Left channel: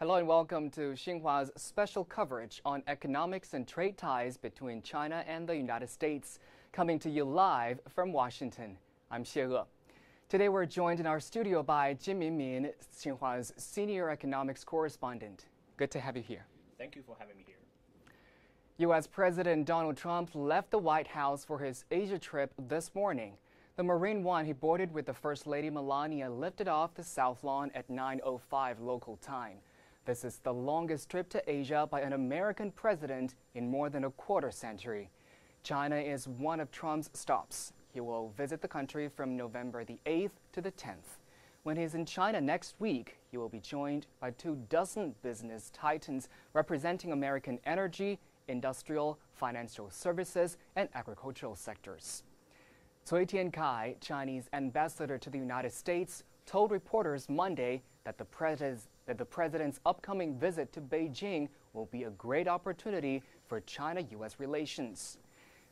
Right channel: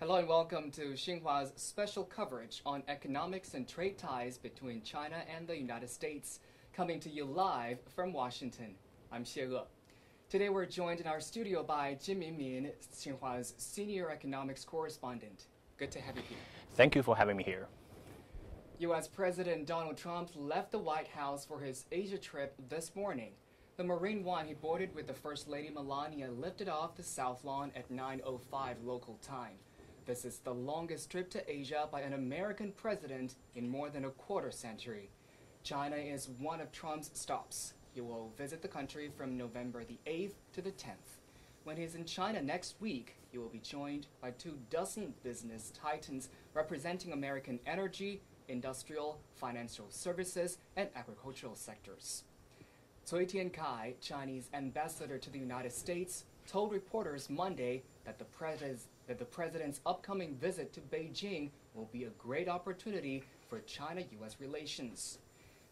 Hello and welcome to Xinhua's special coverage on economics and trade ties between China and the United States, coming to you live from Washington. I'm Xie He. Today we're joined in our studio by Jin Minmin, Xinhua's senior economics correspondent. Good to have you here. Thank you for having me here. U.S. President Donald Trump left the White House for his Asia trip this morning. The Marine One he boarded with the First Lady Melania lifted off the South Lawn at 9:05 local time. This is the longest trip to Asia by an American president in more than a quarter century. China is one of Trump's stops. He will visit the country from November the 8th to the 10th. When he's in China next week, he will be joined by 24 business titans representing American energy, industrial, financial services, and agricultural sectors. Cui Tiankai, Chinese ambassador to the United States, told reporters Monday that the president's upcoming visit to Beijing will be a great opportunity for China-U.S. relations.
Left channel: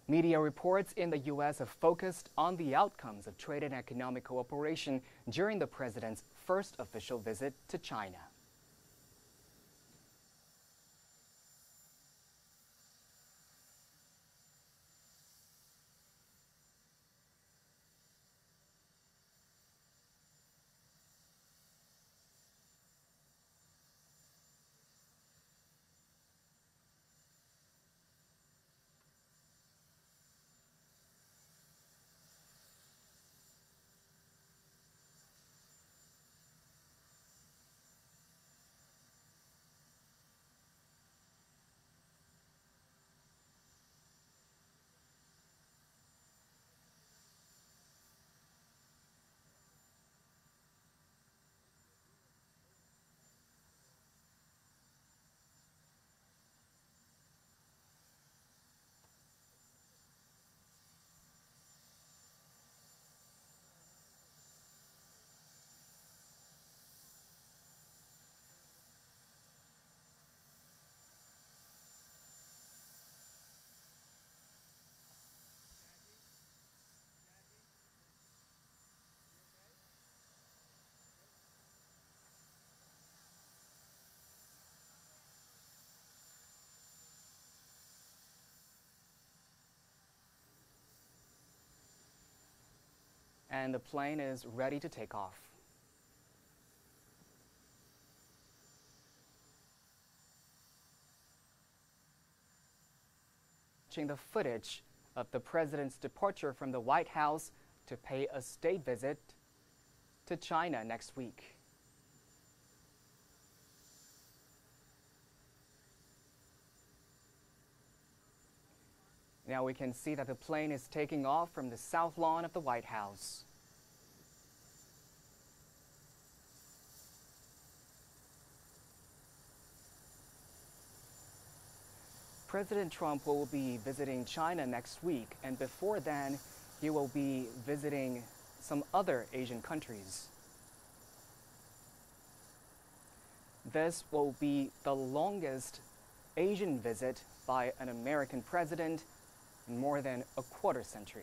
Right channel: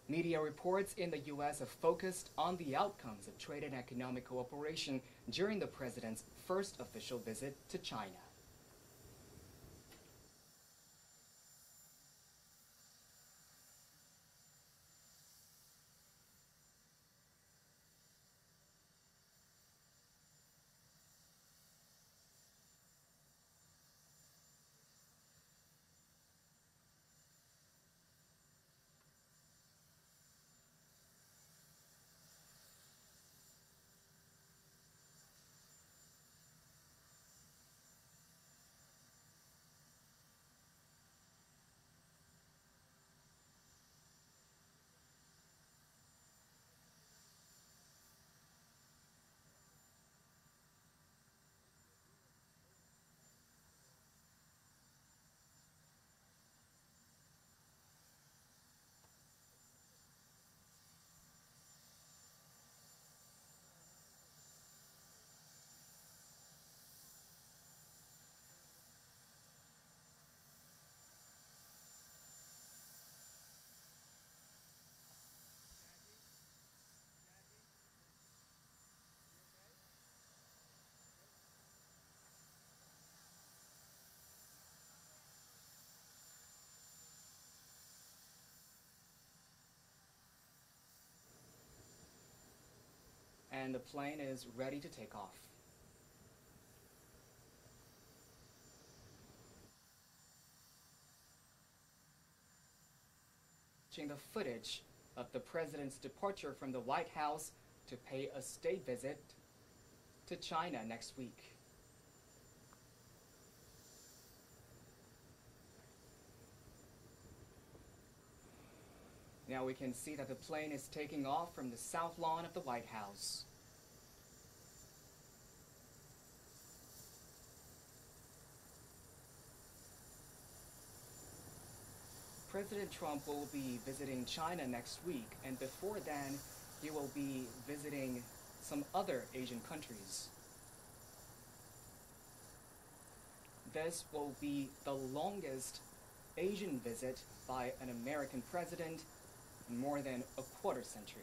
Media reports in the U.S. have focused on the outcomes of trade and economic cooperation during the president's first official visit to China. And the plane is ready to take off. Watching the footage of the president's departure from the White House to pay a state visit to China next week. Now we can see that the plane is taking off from the South Lawn of the White House. President Trump will be visiting China next week, and before then, he will be visiting some other Asian countries. This will be the longest Asian visit by an American president in more than a quarter century.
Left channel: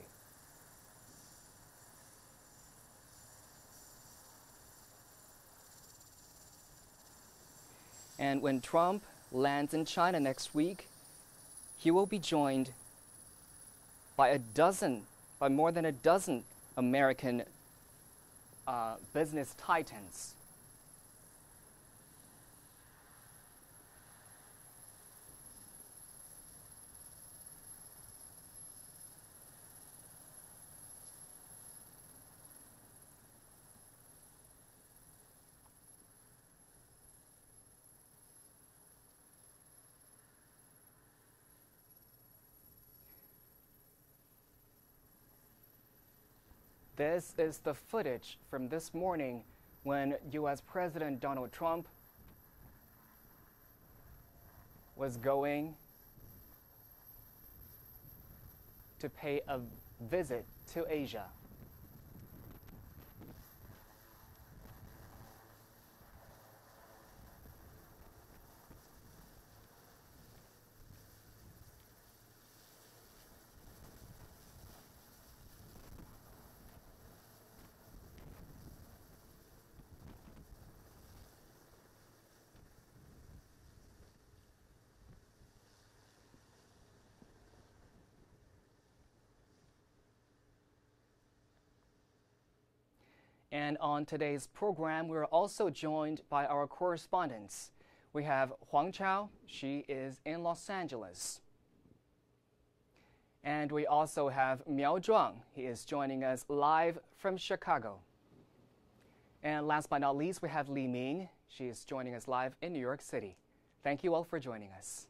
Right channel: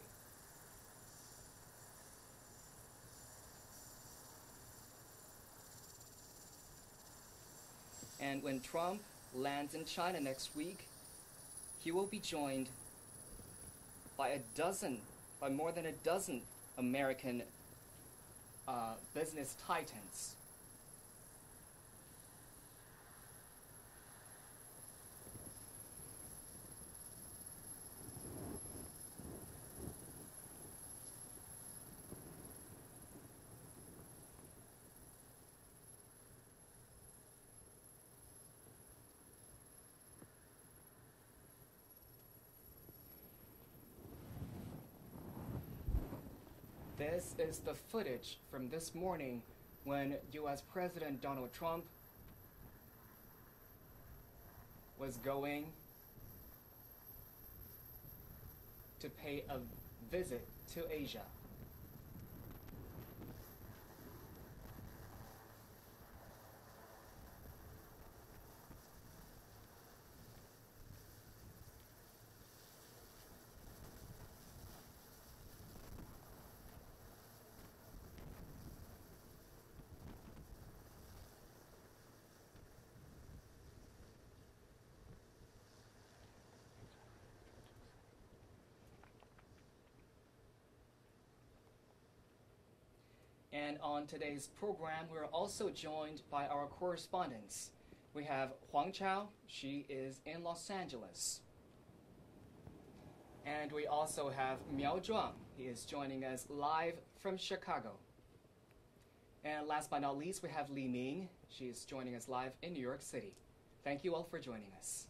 And when Trump lands in China next week, he will be joined by more than a dozen American business titans. This is the footage from this morning when U.S. President Donald Trump was going to pay a visit to Asia. And on today's program, we're also joined by our correspondents. We have Huang Chao, she is in Los Angeles. And we also have Miao Zhuang, he is joining us live from Chicago. And last but not least, we have Li Ming, she is joining us live in New York City. Thank you all for joining us.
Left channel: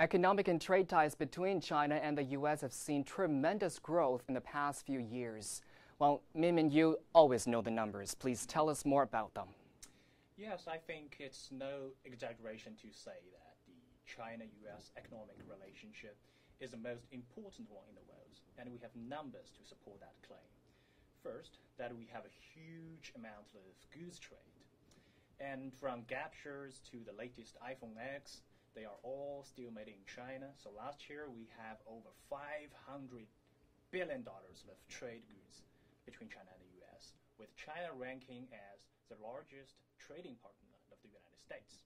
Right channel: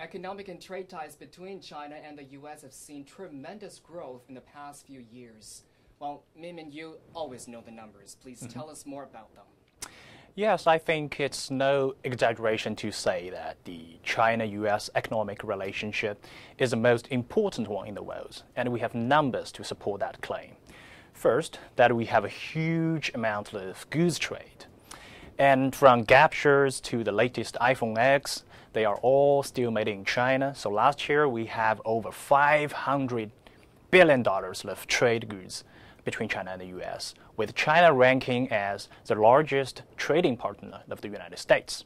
Economic and trade ties between China and the U.S. have seen tremendous growth in the past few years. Well, Min, you always know the numbers. Please tell us more about them. Yes, I think it's no exaggeration to say that the China-U.S. economic relationship is the most important one in the world, and we have numbers to support that claim. First, that we have a huge amount of goods trade. And from Gap shirts to the latest iPhone X, they are all still made in China. So last year, we have over $500 billion of trade goods between China and the U.S., with China ranking as the largest trading partner of the United States.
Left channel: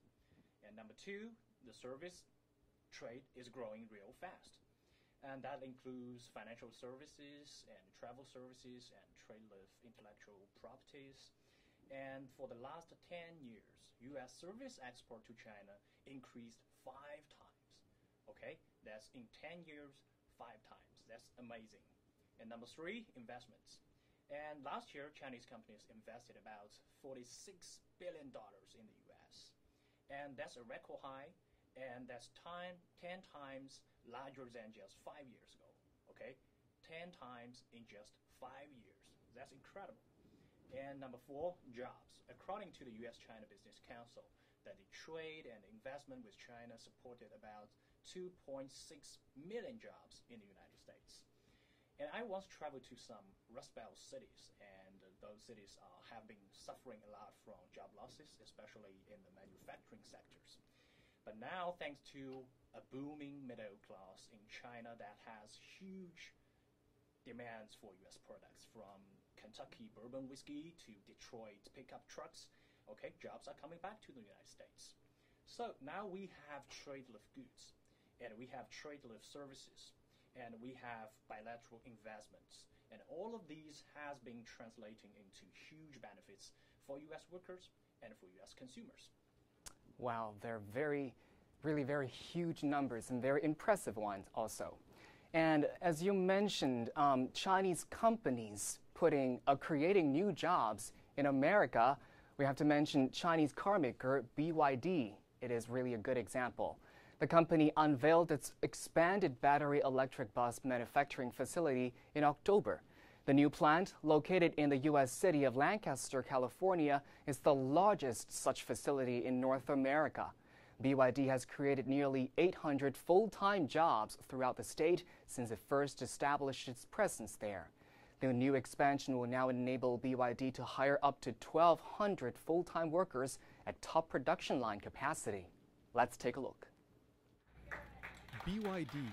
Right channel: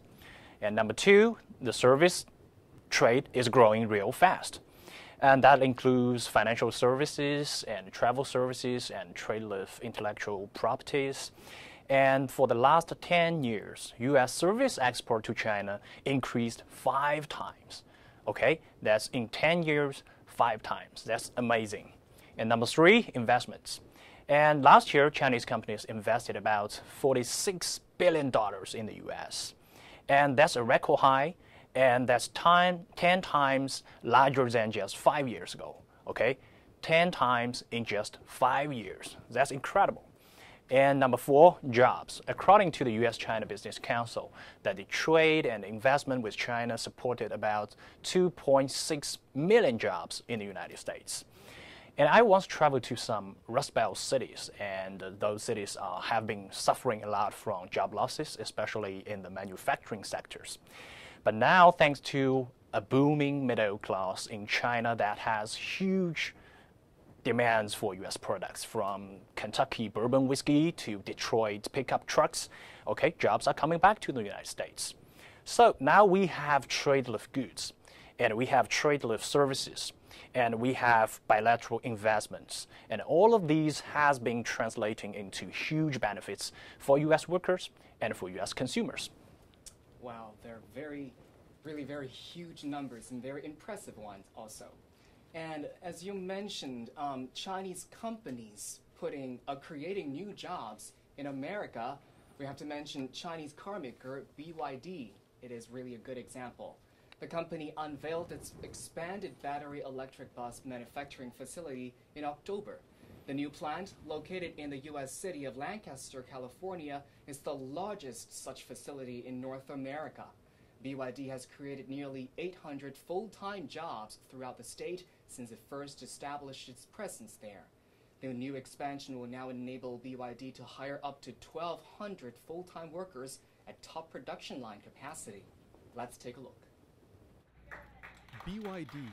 And number two, the service trade is growing real fast. And that includes financial services and travel services and trade with intellectual properties. And for the last 10 years, U.S. service export to China increased 5 times. Okay, that's in 10 years, 5 times. That's amazing. And number three, investments. And last year, Chinese companies invested about $46 billion in the U.S. And that's a record high, and that's 10 times larger than just 5 years ago. Okay, 10 times in just 5 years. That's incredible. And number four, jobs. According to the U.S.-China Business Council, that the trade and investment with China supported about 2.6 million jobs in the United States. And I once traveled to some Rust Belt cities, and those cities have been suffering a lot from job losses, especially in the manufacturing sectors. But now, thanks to a booming middle class in China that has huge demands for U.S. products, from Kentucky bourbon whiskey to Detroit pickup trucks, okay, jobs are coming back to the United States. So now we have trade with goods, and we have trade with services, and we have bilateral investments. And all of these has been translating into huge benefits for U.S. workers and for U.S. consumers. Wow, they're really very huge numbers and very impressive ones also. And as you mentioned, Chinese companies creating new jobs in America. We have to mention Chinese car maker BYD. It is really a good example. The company unveiled its expanded battery electric bus manufacturing facility in October. The new plant, located in the U.S. city of Lancaster, California, is the largest such facility in North America. BYD has created nearly 800 full-time jobs throughout the state since it first established its presence there. The new expansion will now enable BYD to hire up to 1,200 full-time workers at top production line capacity. Let's take a look. BYD,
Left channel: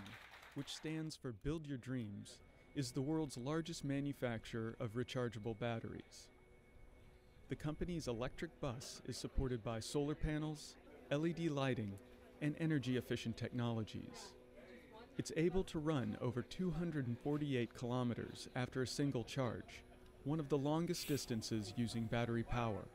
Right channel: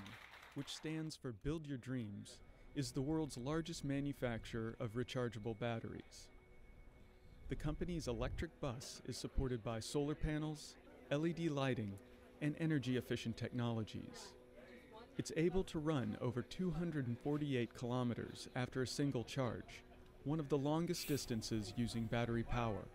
which stands for Build Your Dreams, is the world's largest manufacturer of rechargeable batteries. The company's electric bus is supported by solar panels, LED lighting, and energy-efficient technologies. It's able to run over 248 kilometers after a single charge, one of the longest distances using battery power.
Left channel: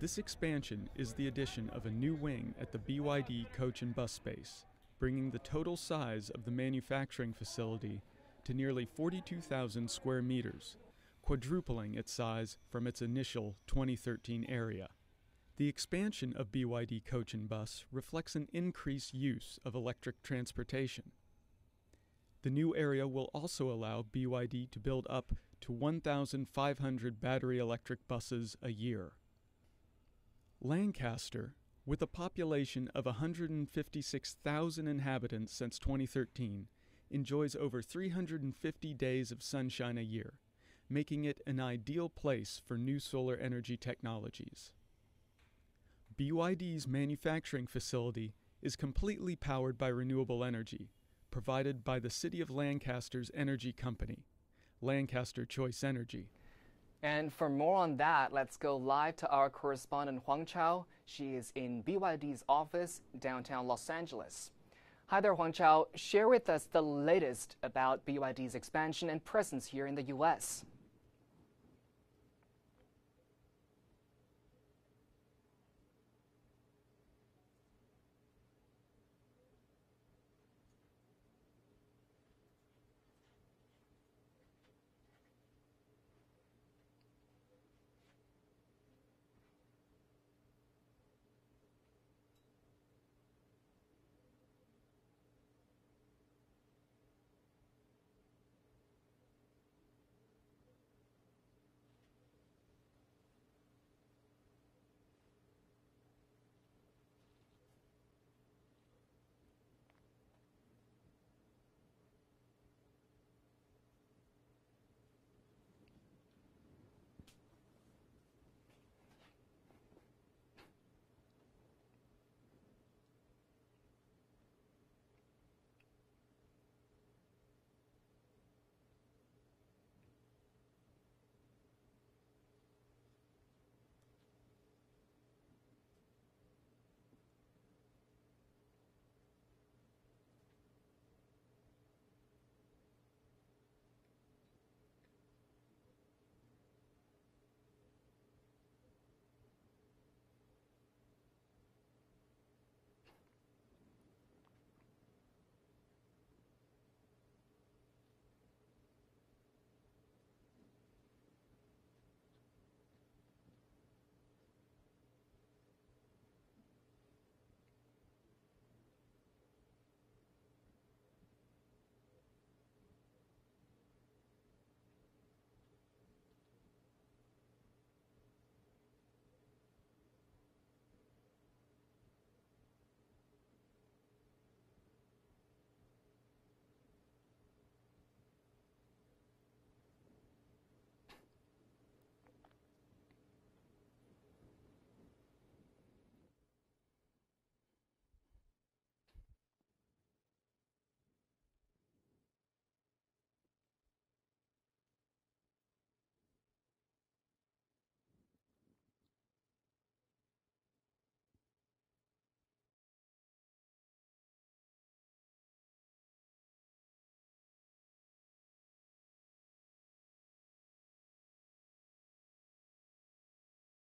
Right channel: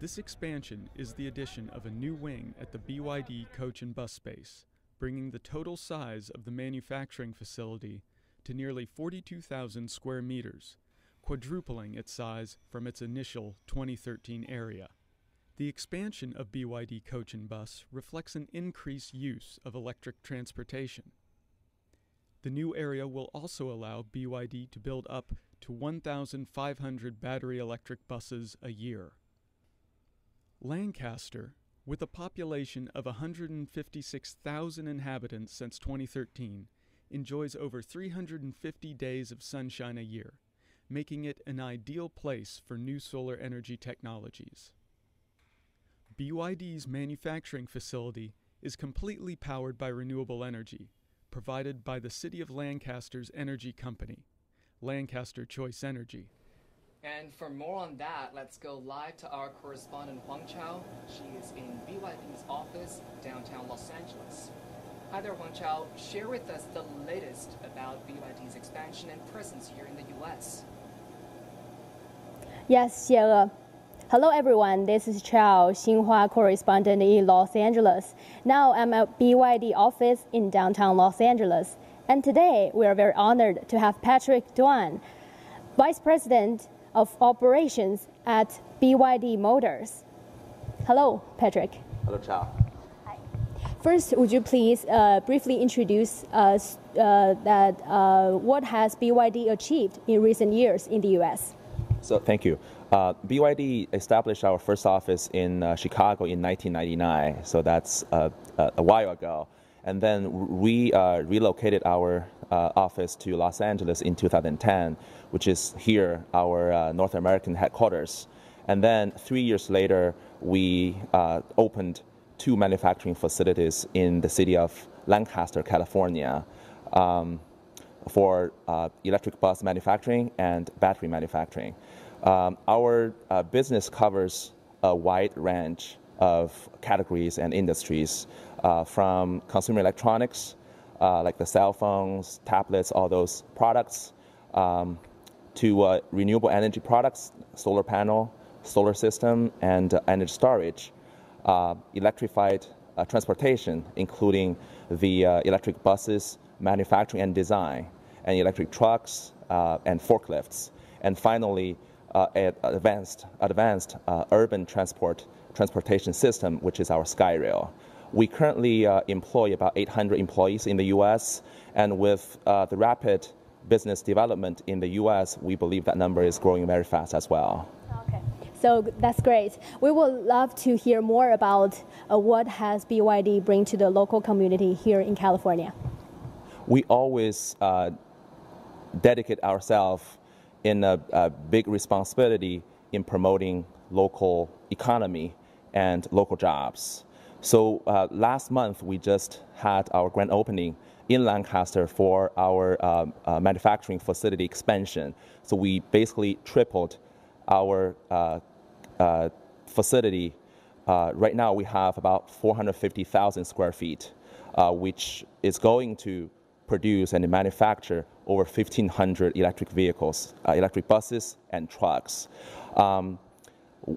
This expansion is the addition of a new wing at the BYD coach and bus space, bringing the total size of the manufacturing facility to nearly 42,000 square meters, quadrupling its size from its initial 2013 area. The expansion of BYD coach and bus reflects an increased use of electric transportation. The new area will also allow BYD to build up to 1,500 battery electric buses a year. Lancaster, with a population of 156,000 inhabitants since 2013, enjoys over 350 days of sunshine a year, making it an ideal place for new solar energy technologies. BYD's manufacturing facility is completely powered by renewable energy, provided by the City of Lancaster's energy company, Lancaster Choice Energy. And for more on that, let's go live to our correspondent Huang Chao. She is in BYD's office downtown Los Angeles. Hi there, Huang Chao. Share with us the latest about BYD's expansion and presence here in the U.S. Yes, Xie. Hello, everyone. This is Chao, Xinhua correspondent in Los Angeles. Now I'm at BYD office in downtown Los Angeles. And today we are very honored to have Patrick Duan, Vice President of Operations at BYD Motors. Hello, Patrick. Hello, Chao. Hi. First, would you please briefly introduce us what has BYD achieved in recent years in the U.S.? So thank you. BYD established our first office in Chicago in 1999, so that's a while ago. And then we relocated our office to Los Angeles in 2010, which is here, our North American headquarters. And then 3 years later, we opened 2 manufacturing facilities in the city of Lancaster, California, for electric bus manufacturing and battery manufacturing. Our business covers a wide range of categories and industries, from consumer electronics, like the cell phones, tablets, all those products, to renewable energy products, solar panel, solar system, and energy storage, electrified transportation, including the electric buses, manufacturing and design, and electric trucks and forklifts, and finally, advanced urban transportation system, which is our SkyRail. We currently employ about 800 employees in the U.S., and with the rapid business development in the U.S., we believe that number is growing very fast as well. Okay, so that's great. We would love to hear more about what has BYD bring to the local community here in California. We always dedicate ourselves in a big responsibility in promoting local economy and local jobs. So last month, we just had our grand opening in Lancaster for our manufacturing facility expansion. So we basically tripled our facility. Right now, we have about 450,000 square feet, which is going to produce and manufacture over 1,500 electric vehicles, electric buses and trucks.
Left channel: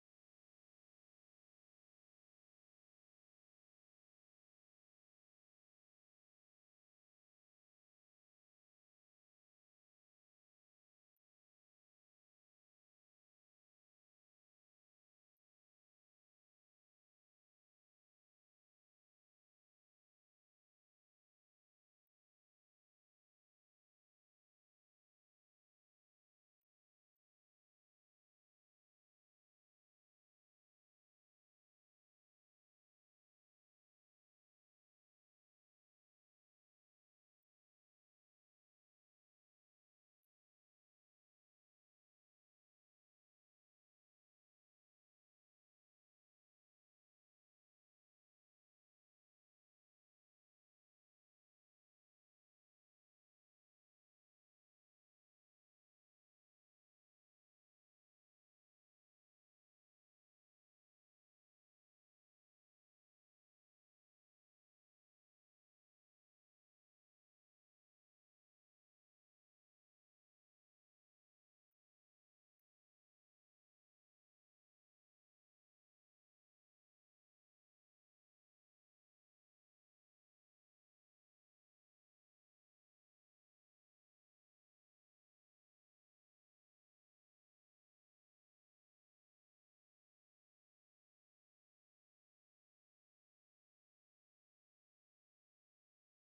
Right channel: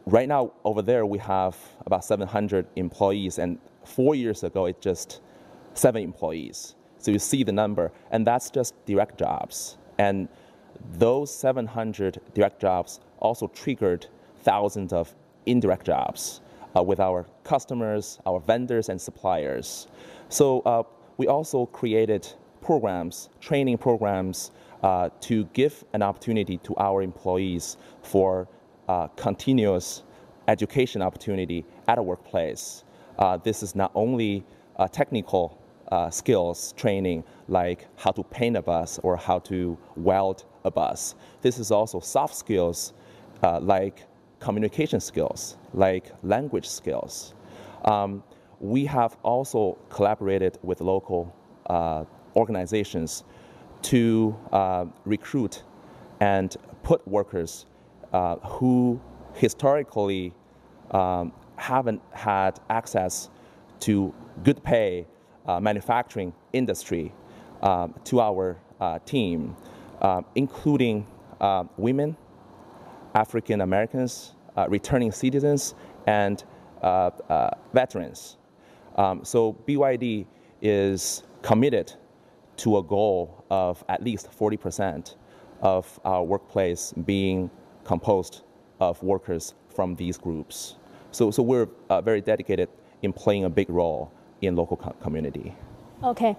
Right now, over there, we have about 700 employees, and 4 years ago, it's just 7 employees. So you see the number, and that's just direct jobs. And those 700 direct jobs also triggered thousands of indirect jobs with our customers, our vendors, and suppliers. So we also created programs, training programs, to give an opportunity to our employees for continuous education opportunity at a workplace. This is not only technical skills training, like how to paint a bus or how to weld a bus. This is also soft skills, like communication skills, like language skills. We have also collaborated with local organizations to recruit and put workers who historically haven't had access to good pay manufacturing industry to our team, including women, African Americans, returning citizens, and veterans. So BYD is committed to a goal of at least 40% of our workplace being composed of workers from these groups. So we're very dedicated in playing a big role in local community. Okay.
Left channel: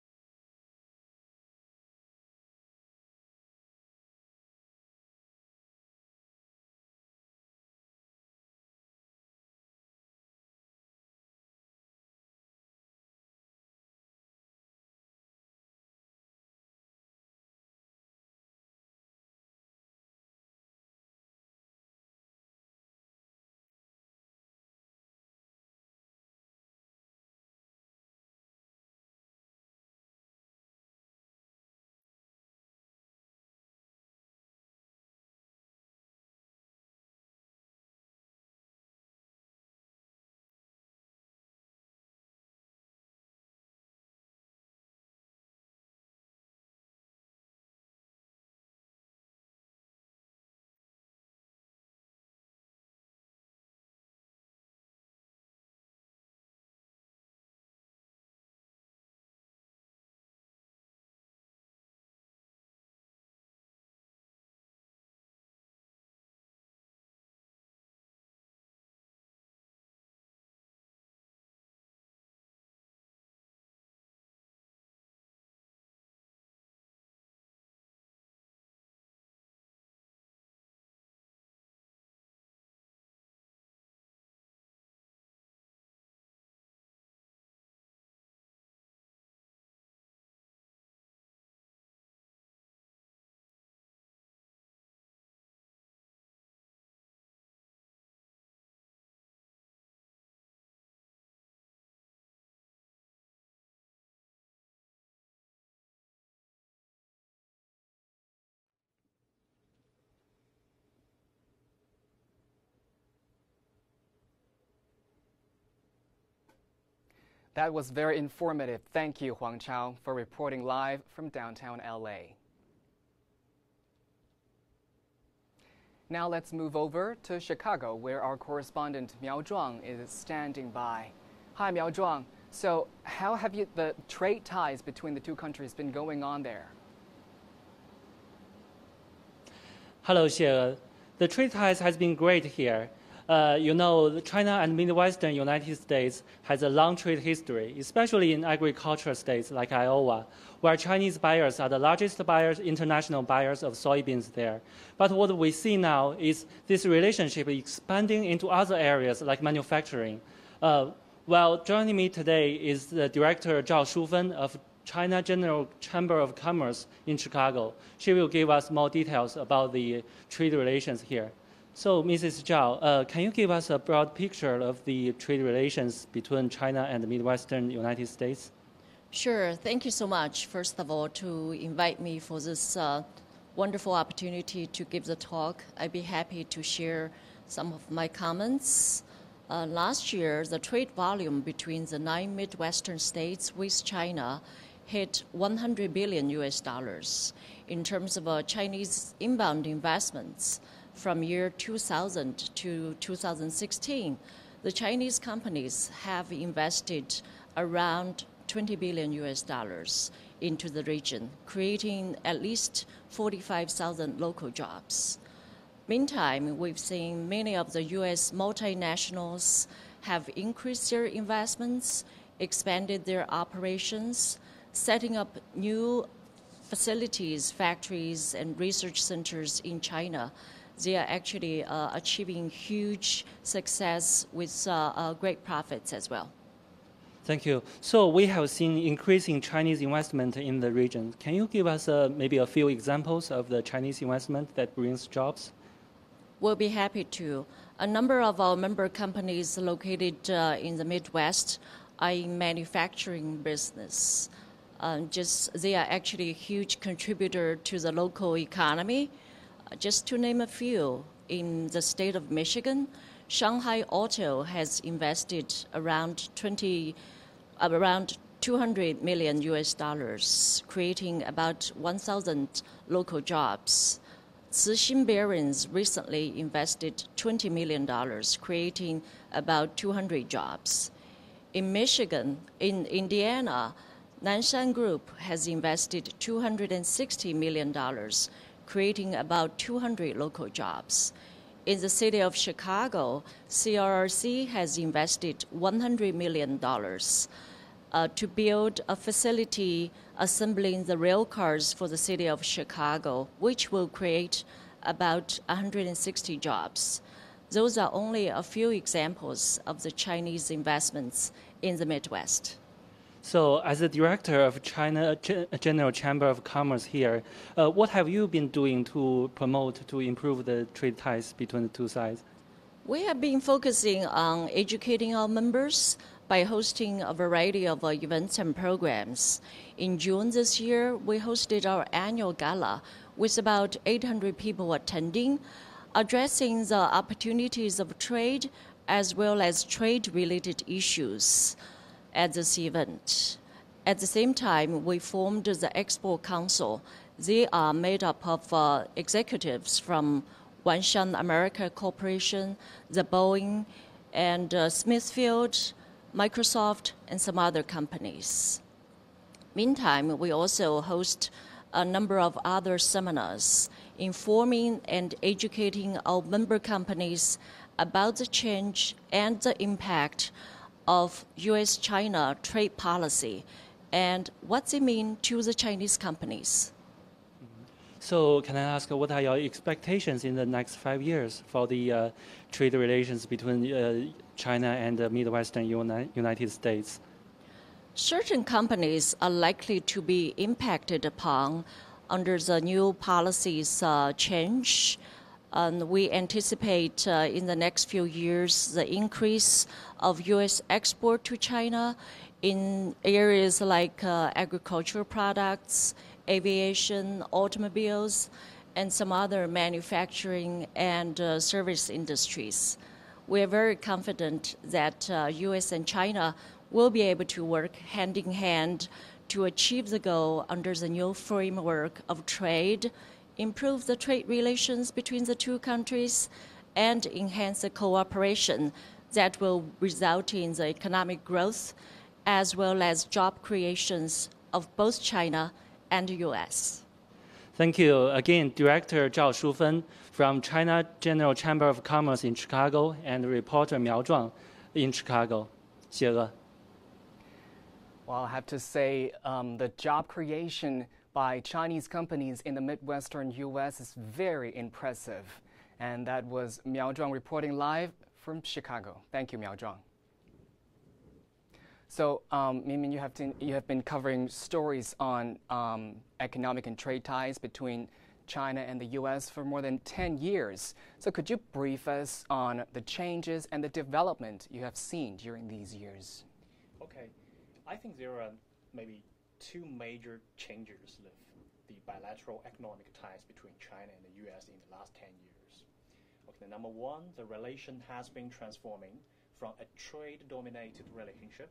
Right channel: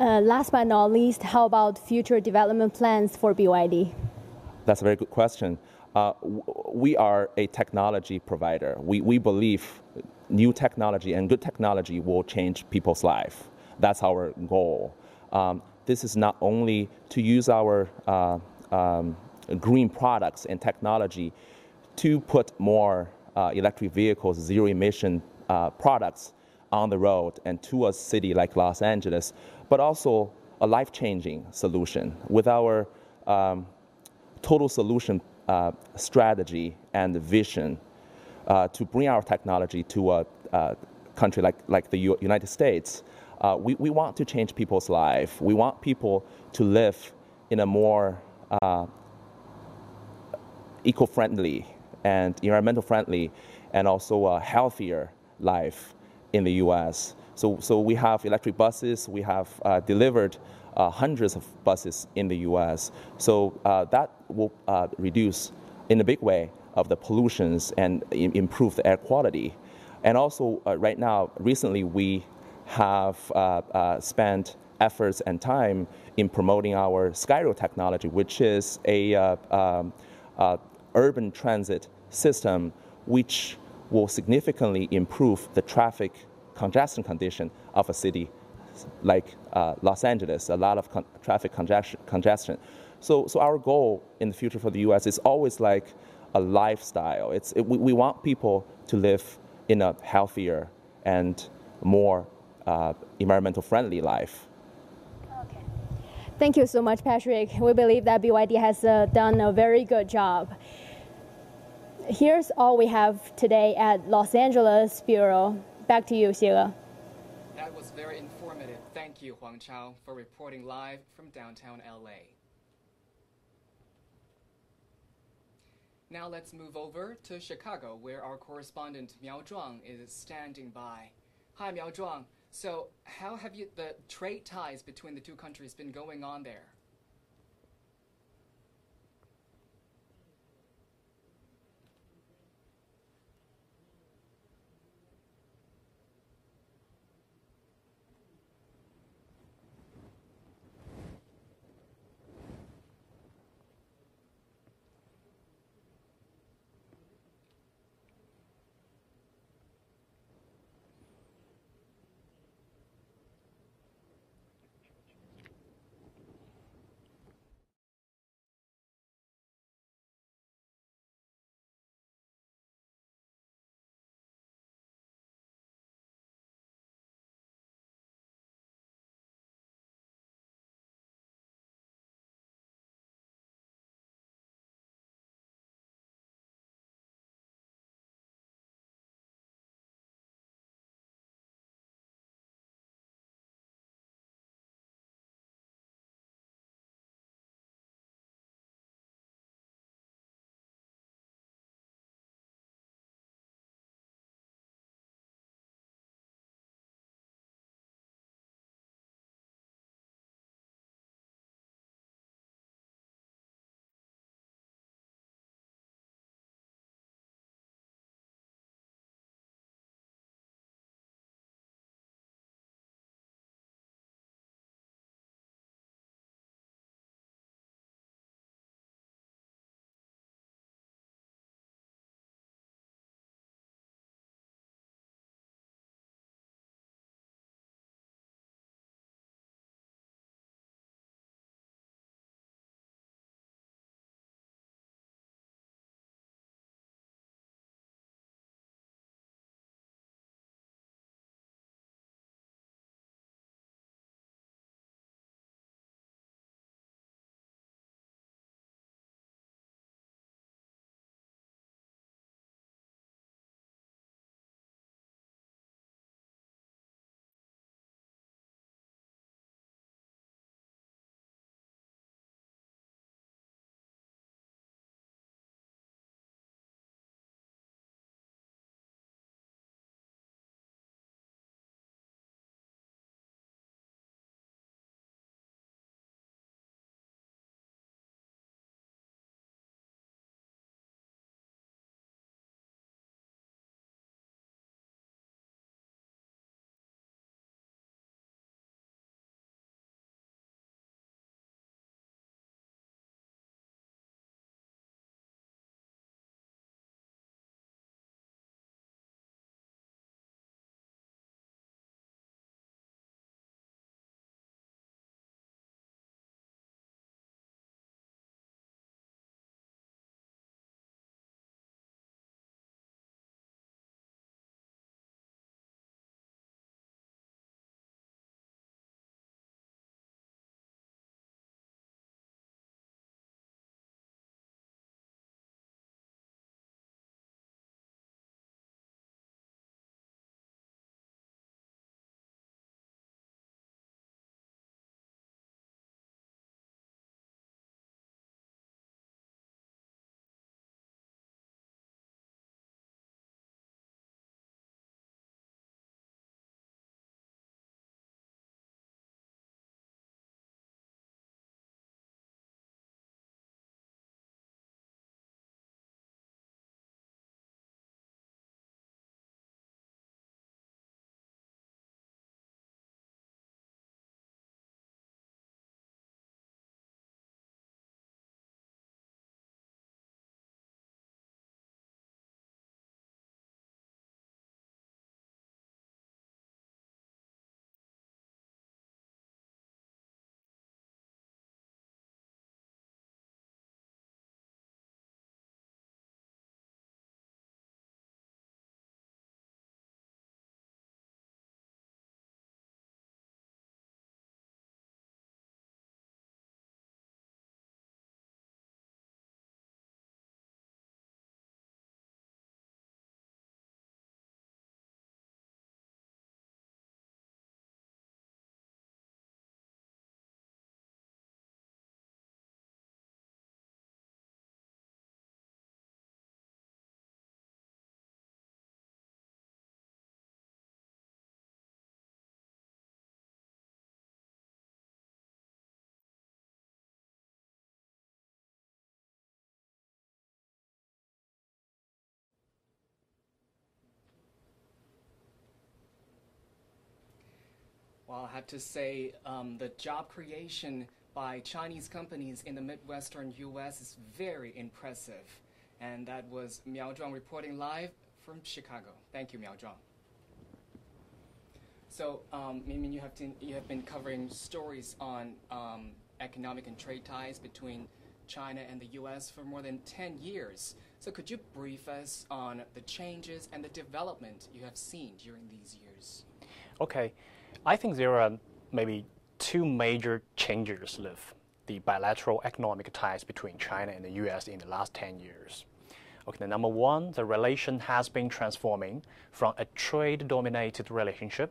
Last but not least, how about future development plans for BYD? That's a very good question. We are a technology provider. We believe new technology and good technology will change people's life. That's our goal. This is not only to use our green products and technology to put more electric vehicles, zero-emission products on the road and to a city like Los Angeles, but also a life-changing solution with our total solution strategy and vision to bring our technology to a country like the United States. we want to change people's life. We want people to live in a more eco-friendly and environmental friendly and also a healthier life in the U.S. So we have electric buses. We have delivered hundreds of buses in the U.S. So that will reduce in a big way of the pollutions and improve the air quality. And also right now, recently we have spent efforts and time in promoting our Skyrail technology, which is a urban transit system which will significantly improve the traffic congestion condition of a city like Los Angeles, a lot of traffic congestion. So our goal in the future for the U.S. is always like a lifestyle. We want people to live in a healthier and more environmental friendly life. Okay. Thank you so much, Patrick. We believe that BYD has done a very good job. Here's all we have today at Los Angeles Bureau. Back to you, Xie. That was very informative. Thank you, Huang Chao, for reporting live from downtown LA. Now let's move over to Chicago, where our correspondent Miao Zhuang is standing by. Hi, Miao Zhuang. So how have the trade ties between the two countries been going on there? Hello, Xie. The trade ties has been great here. You know, China and Midwestern United States has a long trade history, especially in agricultural states like Iowa, where Chinese buyers are the largest buyers, international buyers of soybeans there. But what we see now is this relationship expanding into other areas like manufacturing. Well, joining me today is the director Zhao Shufen of China General Chamber of Commerce in Chicago. She will give us more details about the trade relations here. So, Mrs. Zhao, can you give us a broad picture of the trade relations between China and the Midwestern United States? Sure. Thank you so much, first of all, to invite me for this wonderful opportunity to give the talk. I'd be happy to share some of my comments. Last year, the trade volume between the 9 Midwestern states with China hit $100 billion US. In terms of Chinese inbound investments, from year 2000 to 2016, the Chinese companies have invested around $20 billion US into the region, creating at least 45,000 local jobs. Meantime, we've seen many of the U.S. multinationals have increased their investments, expanded their operations, setting up new facilities, factories, and research centers in China. They are actually achieving huge success with great profits as well. Thank you. So we have seen increasing Chinese investment in the region. Can you give us maybe a few examples of the Chinese investment that brings jobs? We'll be happy to. A number of our member companies located in the Midwest are in manufacturing business. They are actually a huge contributor to the local economy. Just to name a few, in the state of Michigan, Shanghai Auto has invested around $200 million US, creating about 1,000 local jobs. Cixin Barons recently invested $20 million, creating about 200 jobs. In Michigan, in Indiana, Nanshan Group has invested $260 million, creating about 200 local jobs. In the city of Chicago, CRRC has invested $100 million to build a facility assembling the rail cars for the city of Chicago, which will create about 160 jobs. Those are only a few examples of the Chinese investments in the Midwest. So as the director of China General Chamber of Commerce here, what have you been doing to promote, to improve the trade ties between the two sides? We have been focusing on educating our members by hosting a variety of events and programs. In June this year, we hosted our annual gala with about 800 people attending, addressing the opportunities of trade as well as trade-related issues. at this event. At the same time, we formed the Export Council. They are made up of executives from Wanshan America Corporation, the Boeing, and Smithfield, Microsoft, and some other companies. Meantime, we also host a number of other seminars informing and educating our member companies about the change and the impact of U.S.-China trade policy and what they mean to the Chinese companies. So can I ask, what are your expectations in the next 5 years for the trade relations between China and the Midwestern United States? Certain companies are likely to be impacted upon under the new policies change. And we anticipate in the next few years the increase of U.S. export to China in areas like agricultural products, aviation, automobiles, and some other manufacturing and service industries. We are very confident that U.S. and China will be able to work hand in hand to achieve the goal under the new framework of trade, improve the trade relations between the two countries, and enhance the cooperation that will result in the economic growth as well as job creations of both China and the U.S. Thank you. Again, Director Zhao Shufen from China General Chamber of Commerce in Chicago and reporter Miao Zhuang in Chicago. 谢谢. Well, I have to say the job creation by Chinese companies in the Midwestern U.S. is very impressive. And that was Miao Zhuang reporting live from Chicago. Thank you, Miao Zhuang. So, Minmin, you have been covering stories on economic and trade ties between China and the U.S. for more than 10 years. So could you brief us on the changes and the development you have seen during these years? Okay. I think there are maybe two major changes with the bilateral economic ties between China and the U.S. in the last 10 years. Okay, number one, the relation has been transforming from a trade-dominated relationship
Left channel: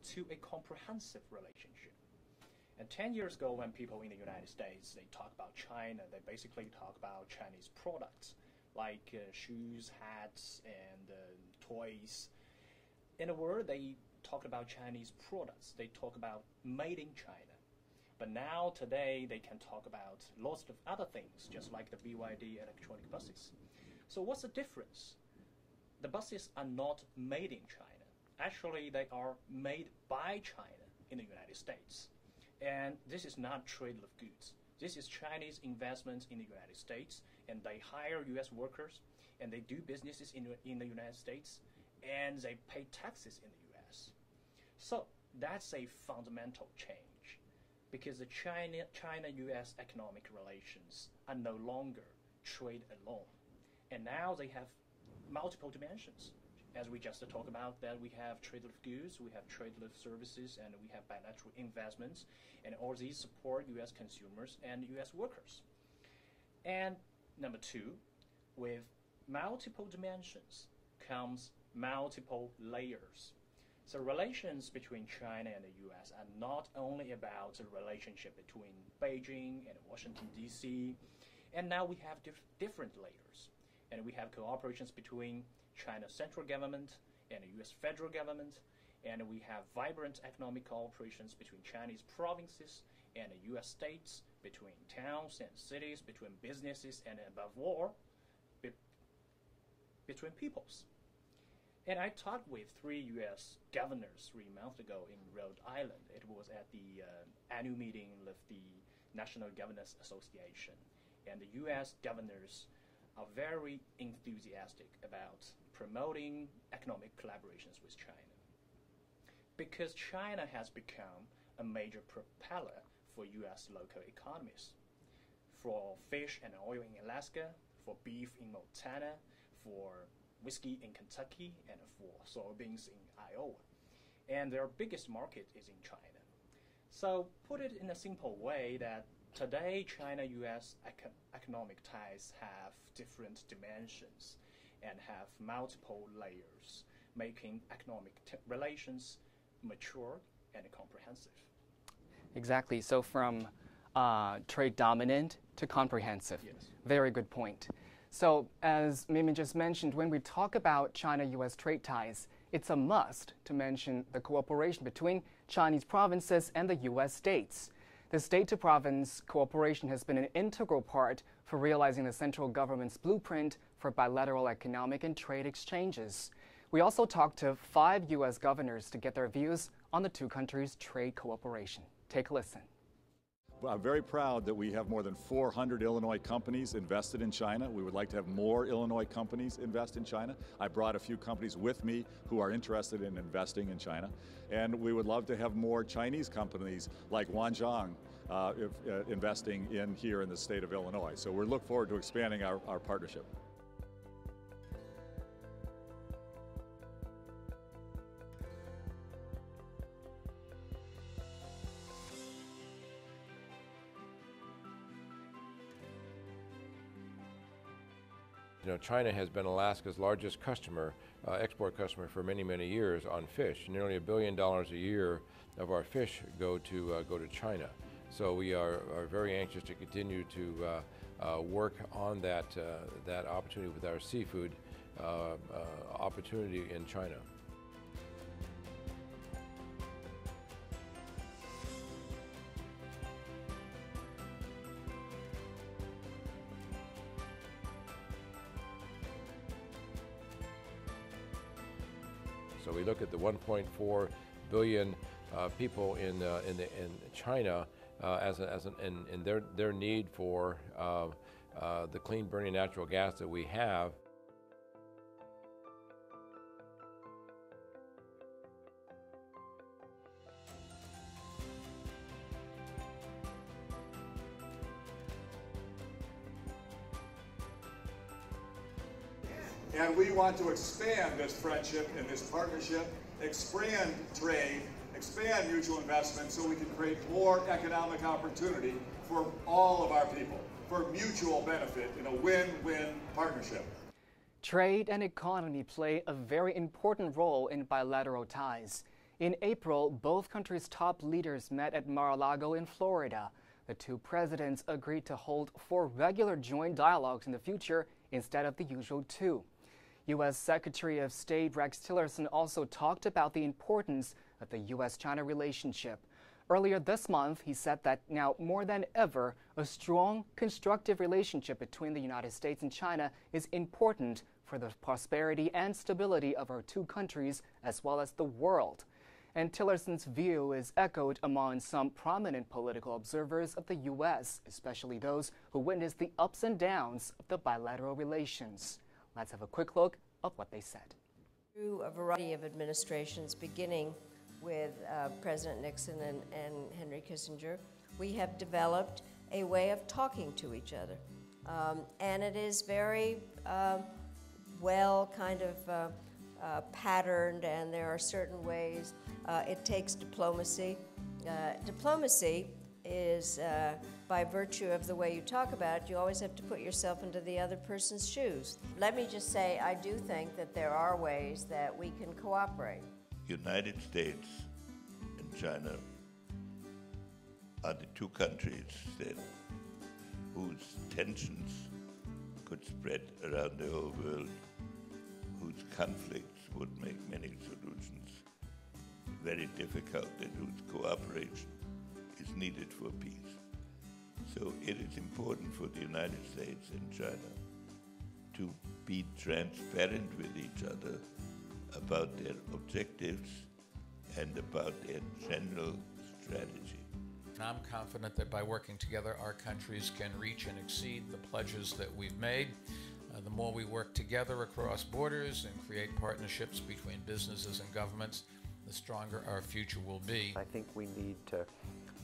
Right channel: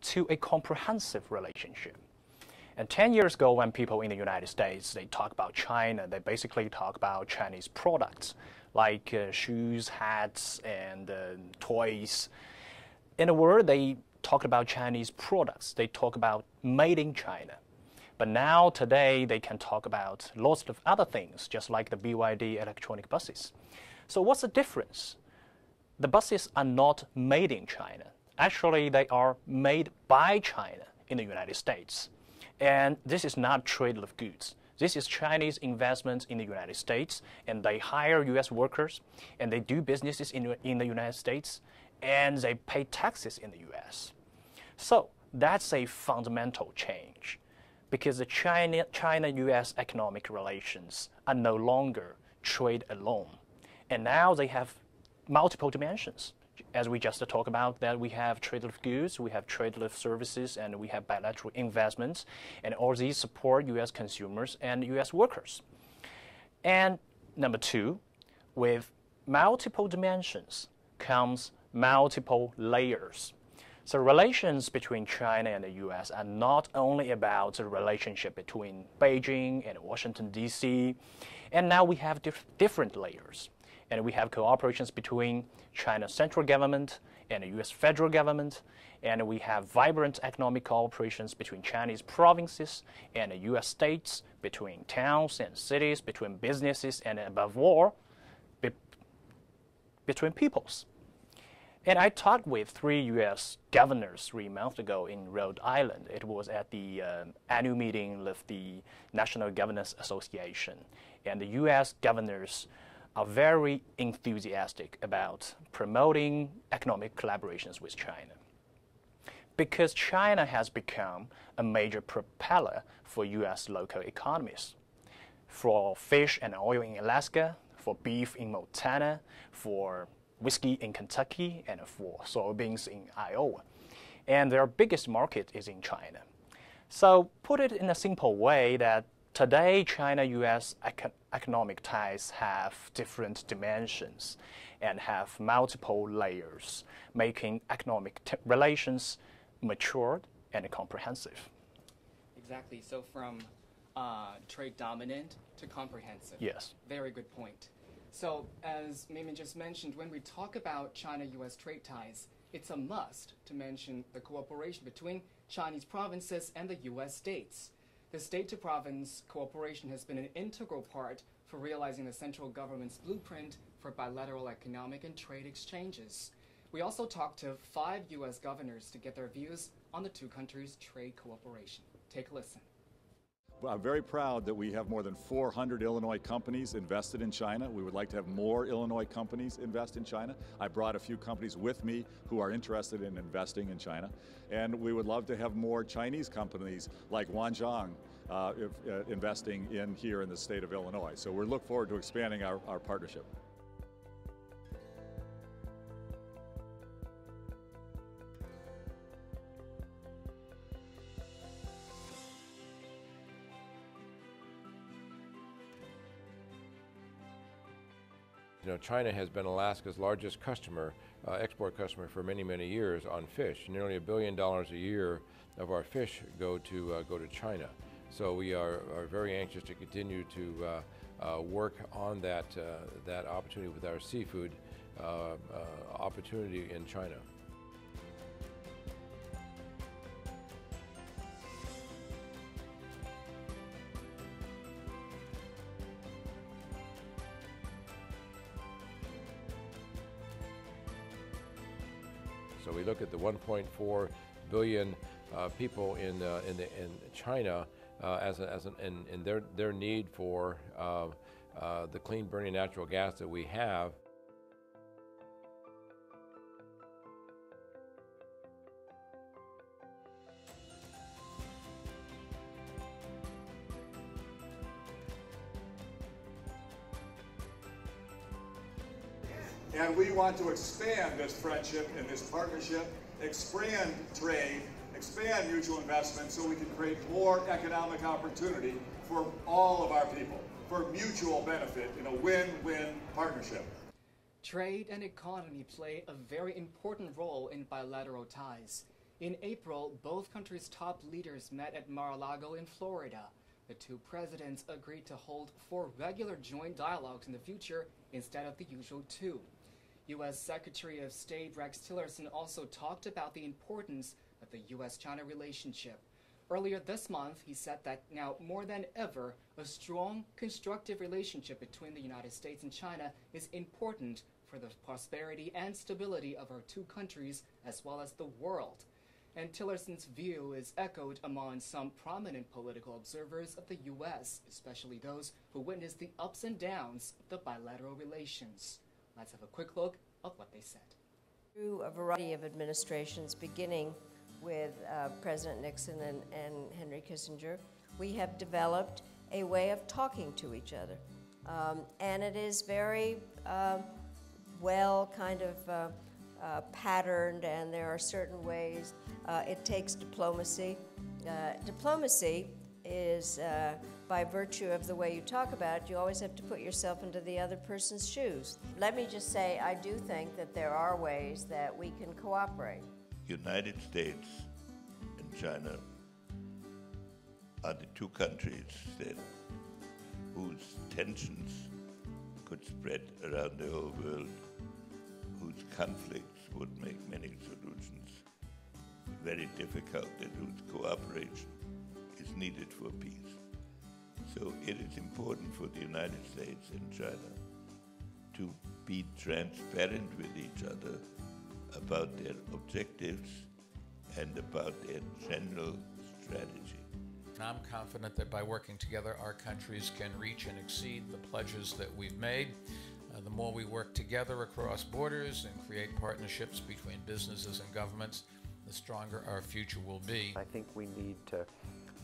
to a comprehensive relationship. And 10 years ago, when people in the United States, they talk about China, they basically talk about Chinese products like shoes, hats, and toys. In a word, they talk about Chinese products. They talk about made in China. But now, today, they can talk about lots of other things, just like the BYD electronic buses. So what's the difference? The buses are not made in China. Actually, they are made by China in the United States. And this is not trade of goods. This is Chinese investments in the United States, and they hire U.S. workers, and they do businesses in the United States, and they pay taxes in the U.S. So that's a fundamental change, because the China-U.S. economic relations are no longer trade alone. And now they have multiple dimensions. As we just talked about, that we have trade of goods, we have trade of services, and we have bilateral investments, and all these support U.S. consumers and U.S. workers. And number two, with multiple dimensions comes multiple layers. So relations between China and the U.S. are not only about the relationship between Beijing and Washington, D.C., and now we have different layers. And we have cooperations between China's central government and the U.S. federal government, and we have vibrant economic cooperations between Chinese provinces and the U.S. states, between towns and cities, between businesses, and above all, between peoples. And I talked with 3 U.S. governors 3 months ago in Rhode Island. It was at the annual meeting with the National Governors Association. And the U.S. governors are very enthusiastic about promoting economic collaborations with China, because China has become a major propeller for U.S. local economies, for fish and oil in Alaska, for beef in Montana, for whiskey in Kentucky, and for soybeans in Iowa. And their biggest market is in China. So put it in a simple way that today, China-U.S. economic ties have different dimensions and have multiple layers, making economic relations matured and comprehensive. Exactly. So from trade dominant to comprehensive. Yes. Very good point. So as Mimi just mentioned, when we talk about China-U.S. trade ties, it's a must to mention the cooperation between Chinese provinces and the U.S. states. The state-to-province cooperation has been an integral part for realizing the central government's blueprint for bilateral economic and trade exchanges. We also talked to 5 U.S. governors to get their views on the two countries' trade cooperation. Take a listen. I'm very proud that we have more than 400 Illinois companies invested in China. We would like to have more Illinois companies invest in China. I brought a few companies with me who are interested in investing in China. And we would love to have more Chinese companies like Wanjiang investing here in the state of Illinois. So we look forward to expanding our partnership. You know, China has been Alaska's largest customer, export customer for many, many years on fish. Nearly $1 billion a year of our fish go to China. So we are very anxious to continue to work on that opportunity with our seafood opportunity in China. So we look at the 1.4 billion people in China and their need for the clean burning natural gas that we have. And we want to expand this friendship and this partnership, expand trade, expand mutual investment so we can create more economic opportunity for all of our people, for mutual benefit in a win-win partnership. Trade and economy play a very important role in bilateral ties. In April, both countries' top leaders met at Mar-a-Lago in Florida. The two presidents agreed to hold 4 regular joint dialogues in the future instead of the usual 2. U.S. Secretary of State Rex Tillerson also talked about the importance of the U.S.-China relationship. Earlier this month, he said that now more than ever, a strong, constructive relationship between the United States and China is important for the prosperity and stability of our two countries as well as the world. And Tillerson's view is echoed among some prominent political observers of the U.S., especially those who witnessed the ups and downs of the bilateral relations. Let's have a quick look at what they said. Through a variety of administrations, beginning with President Nixon and Henry Kissinger, we have developed a way of talking to each other. And it is very well kind of patterned, and there are certain ways. It takes diplomacy. Diplomacy is, by virtue of the way you talk about it, you always have to put yourself into the other person's shoes. Let me just say, I do think that there are ways that we can cooperate. United States and China are the two countries whose tensions could spread around the whole world, whose conflicts would make many solutions very difficult, and whose cooperation is needed for peace. So it is important for the United States and China to be transparent with each other about their objectives and about their general strategy. I'm confident that by working together, our countries can reach and exceed the pledges that we've made. The more we work together across borders and create partnerships between businesses and governments, the stronger our future will be. I think we need to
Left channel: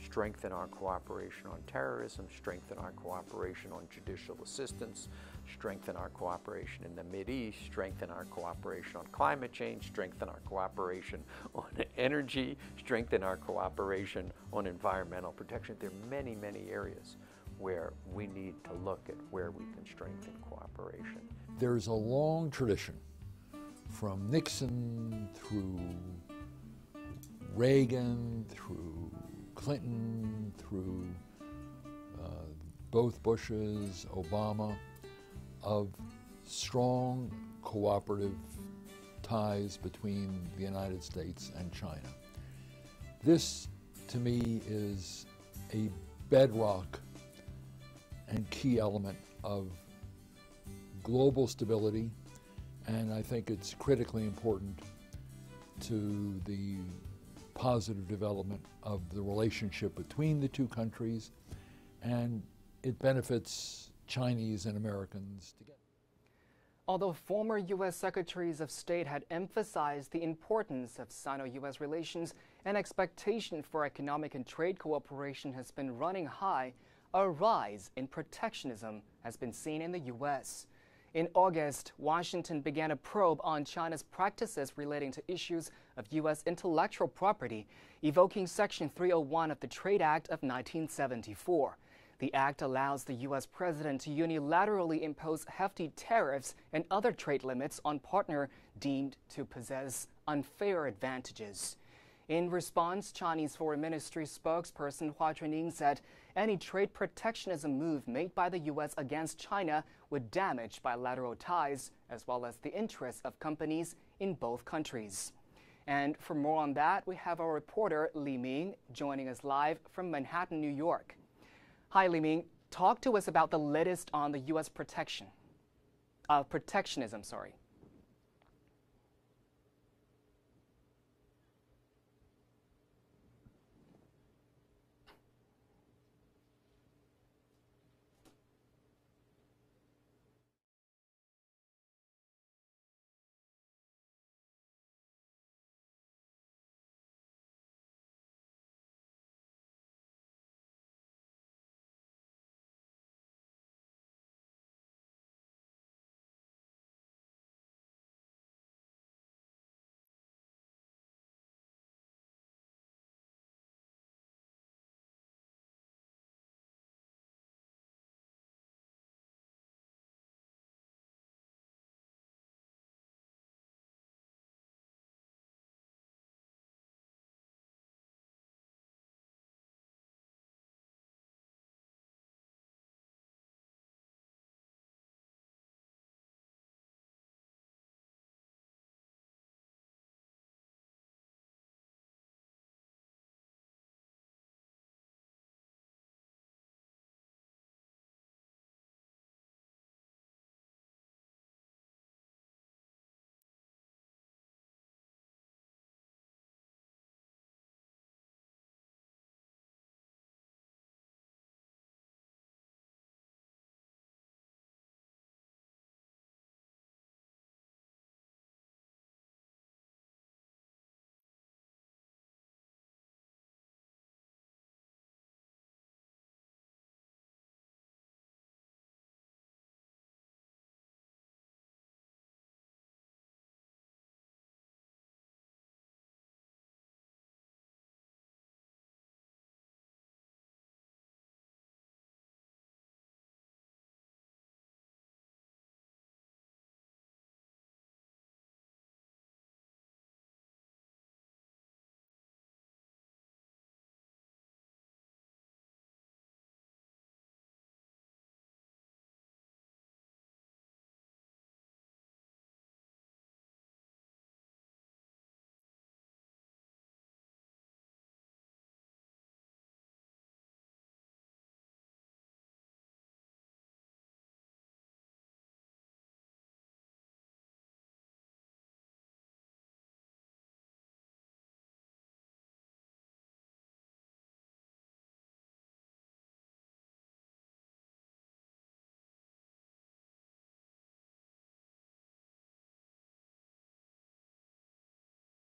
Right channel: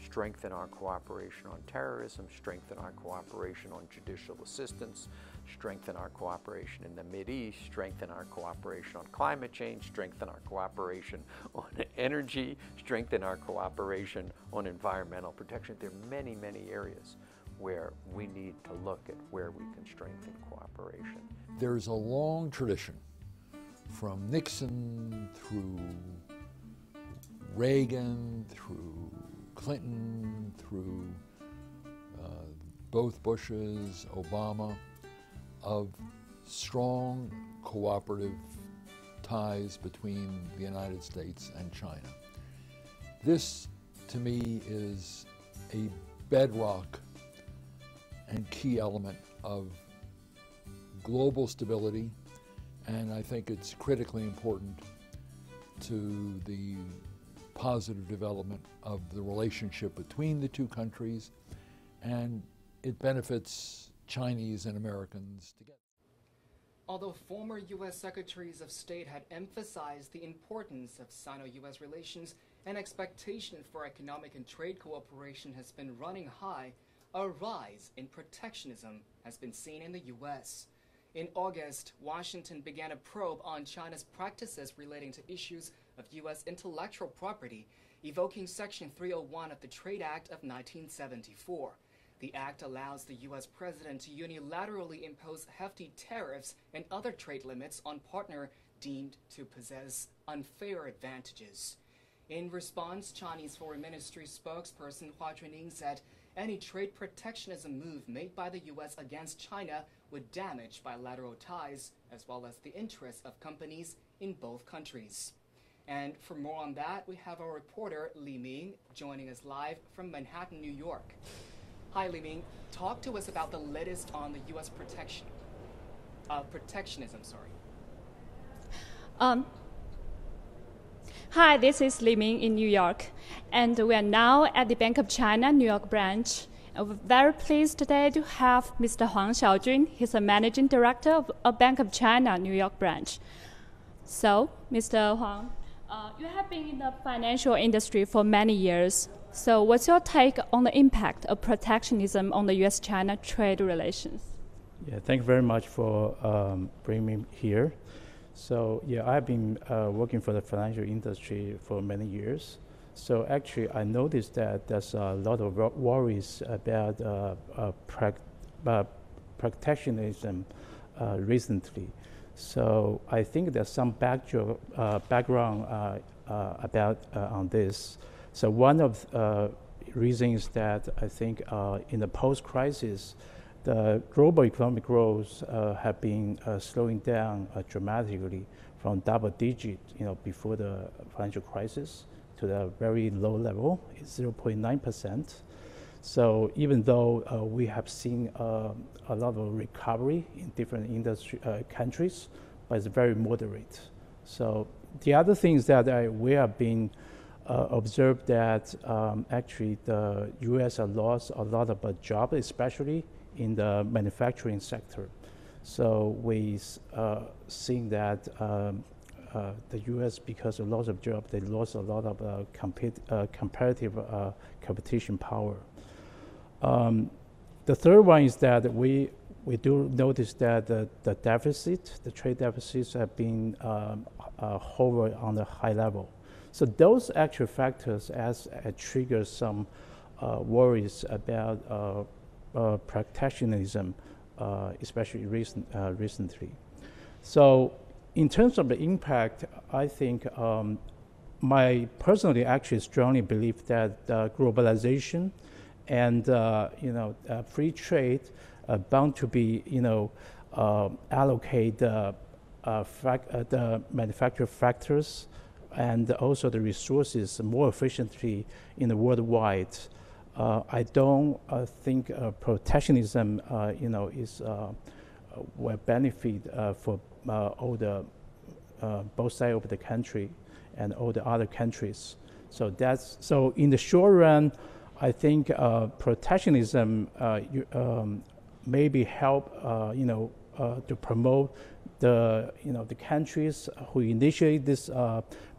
strengthen our cooperation on terrorism, strengthen our cooperation on judicial assistance, strengthen our cooperation in the Mideast, strengthen our cooperation on climate change, strengthen our cooperation on energy, strengthen our cooperation on environmental protection. There are many, many areas where we need to look at where we can strengthen cooperation. There's a long tradition from Nixon through Reagan, through Clinton, through both Bushes, Obama, of strong cooperative ties between the United States and China. This, to me, is a bedrock and key element of global stability, and I think it's critically important to the positive development of the relationship between the two countries, and it benefits Chinese and Americans together. Although former U.S. Secretaries of State had emphasized the importance of Sino-U.S. relations, an expectation for economic and trade cooperation has been running high, a rise in protectionism has been seen in the U.S. In August, Washington began a probe on China's practices relating to issues of U.S. intellectual property, evoking Section 301 of the Trade Act of 1974. The act allows the U.S. president to unilaterally impose hefty tariffs and other trade limits on partner deemed to possess unfair advantages. In response, Chinese Foreign Ministry spokesperson Hua Chunying said any trade protectionism move made by the U.S. against China would damage bilateral ties as well as the interests of companies in both countries. And for more on that, we have our reporter Li Ming joining us live from Manhattan, New York. Hi, Li Ming. Talk to us about the latest on the U.S. protectionism. Hi, this is Li Ming in New York, and we are now at the Bank of China New York branch. We're very pleased today to have Mr. Huang Xiaojun. He's the Managing Director of a Bank of China New York branch. So, Mr. Huang, you have been in the financial industry for many years. So what's your take on the impact of protectionism on the U.S.-China trade relations? Yeah, thank you very much for bringing me here. So yeah, I've been working for the financial industry for many years. So actually, I noticed that there's a lot of worries about protectionism recently. So I think there's some background about on this. So one of reasons that I think in the post-crisis, the global economic growth have been slowing down dramatically from double digit, before the financial crisis to the very low level, 0.9%. So even though we have seen a lot of recovery in different countries, but it's very moderate. So the other things that we have been observed that actually the U.S. has lost a lot of jobs, especially in the manufacturing sector. So we seeing that the U.S., because of loss of jobs, they lost a lot of comparative competition power. The third one is that we do notice that the trade deficits have been hover on a high level. So those actual factors trigger some worries about protectionism, especially recently. So in terms of the impact, I think personally actually strongly believe that globalization and free trade are bound to be allocate the manufacturing factors and also the resources more efficiently in the worldwide. I don't think protectionism, will benefit for all the both sides of the country and all the other countries. So in the short run, I think protectionism maybe help to promote the countries who initiate this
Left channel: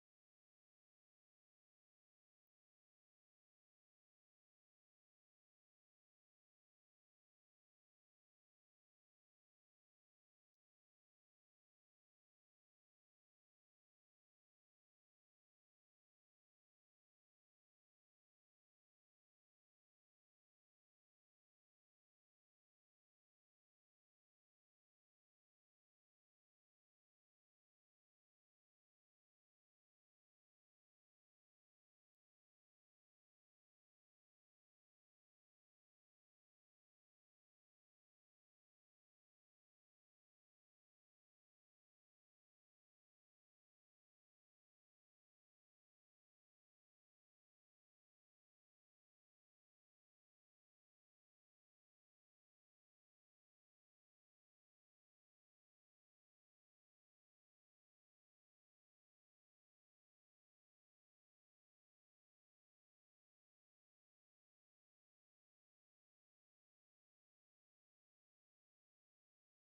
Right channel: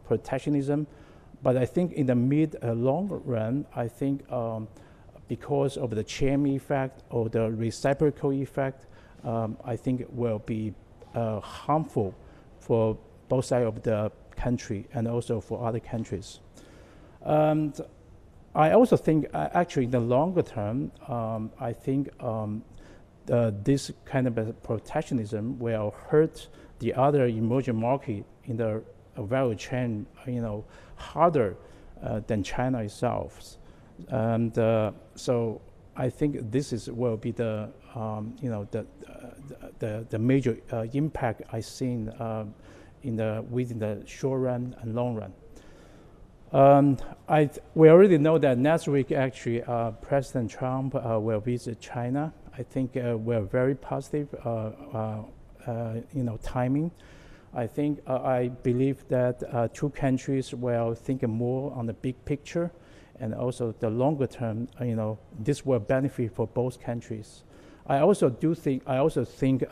protectionism, but I think in the mid long run, I think because of the chain effect or the reciprocal effect, I think it will be harmful for both sides of the country and also for other countries. And I also think actually in the longer term, I think this kind of protectionism will hurt the other emerging market in the value chain, harder than China itself. And so I think this will be the the major impact I've seen within the short run and long run. We already know that next week, actually, President Trump will visit China. I think we're very positive, timing. I believe that two countries will think more on the big picture, and also the longer term. This will benefit for both countries. I also think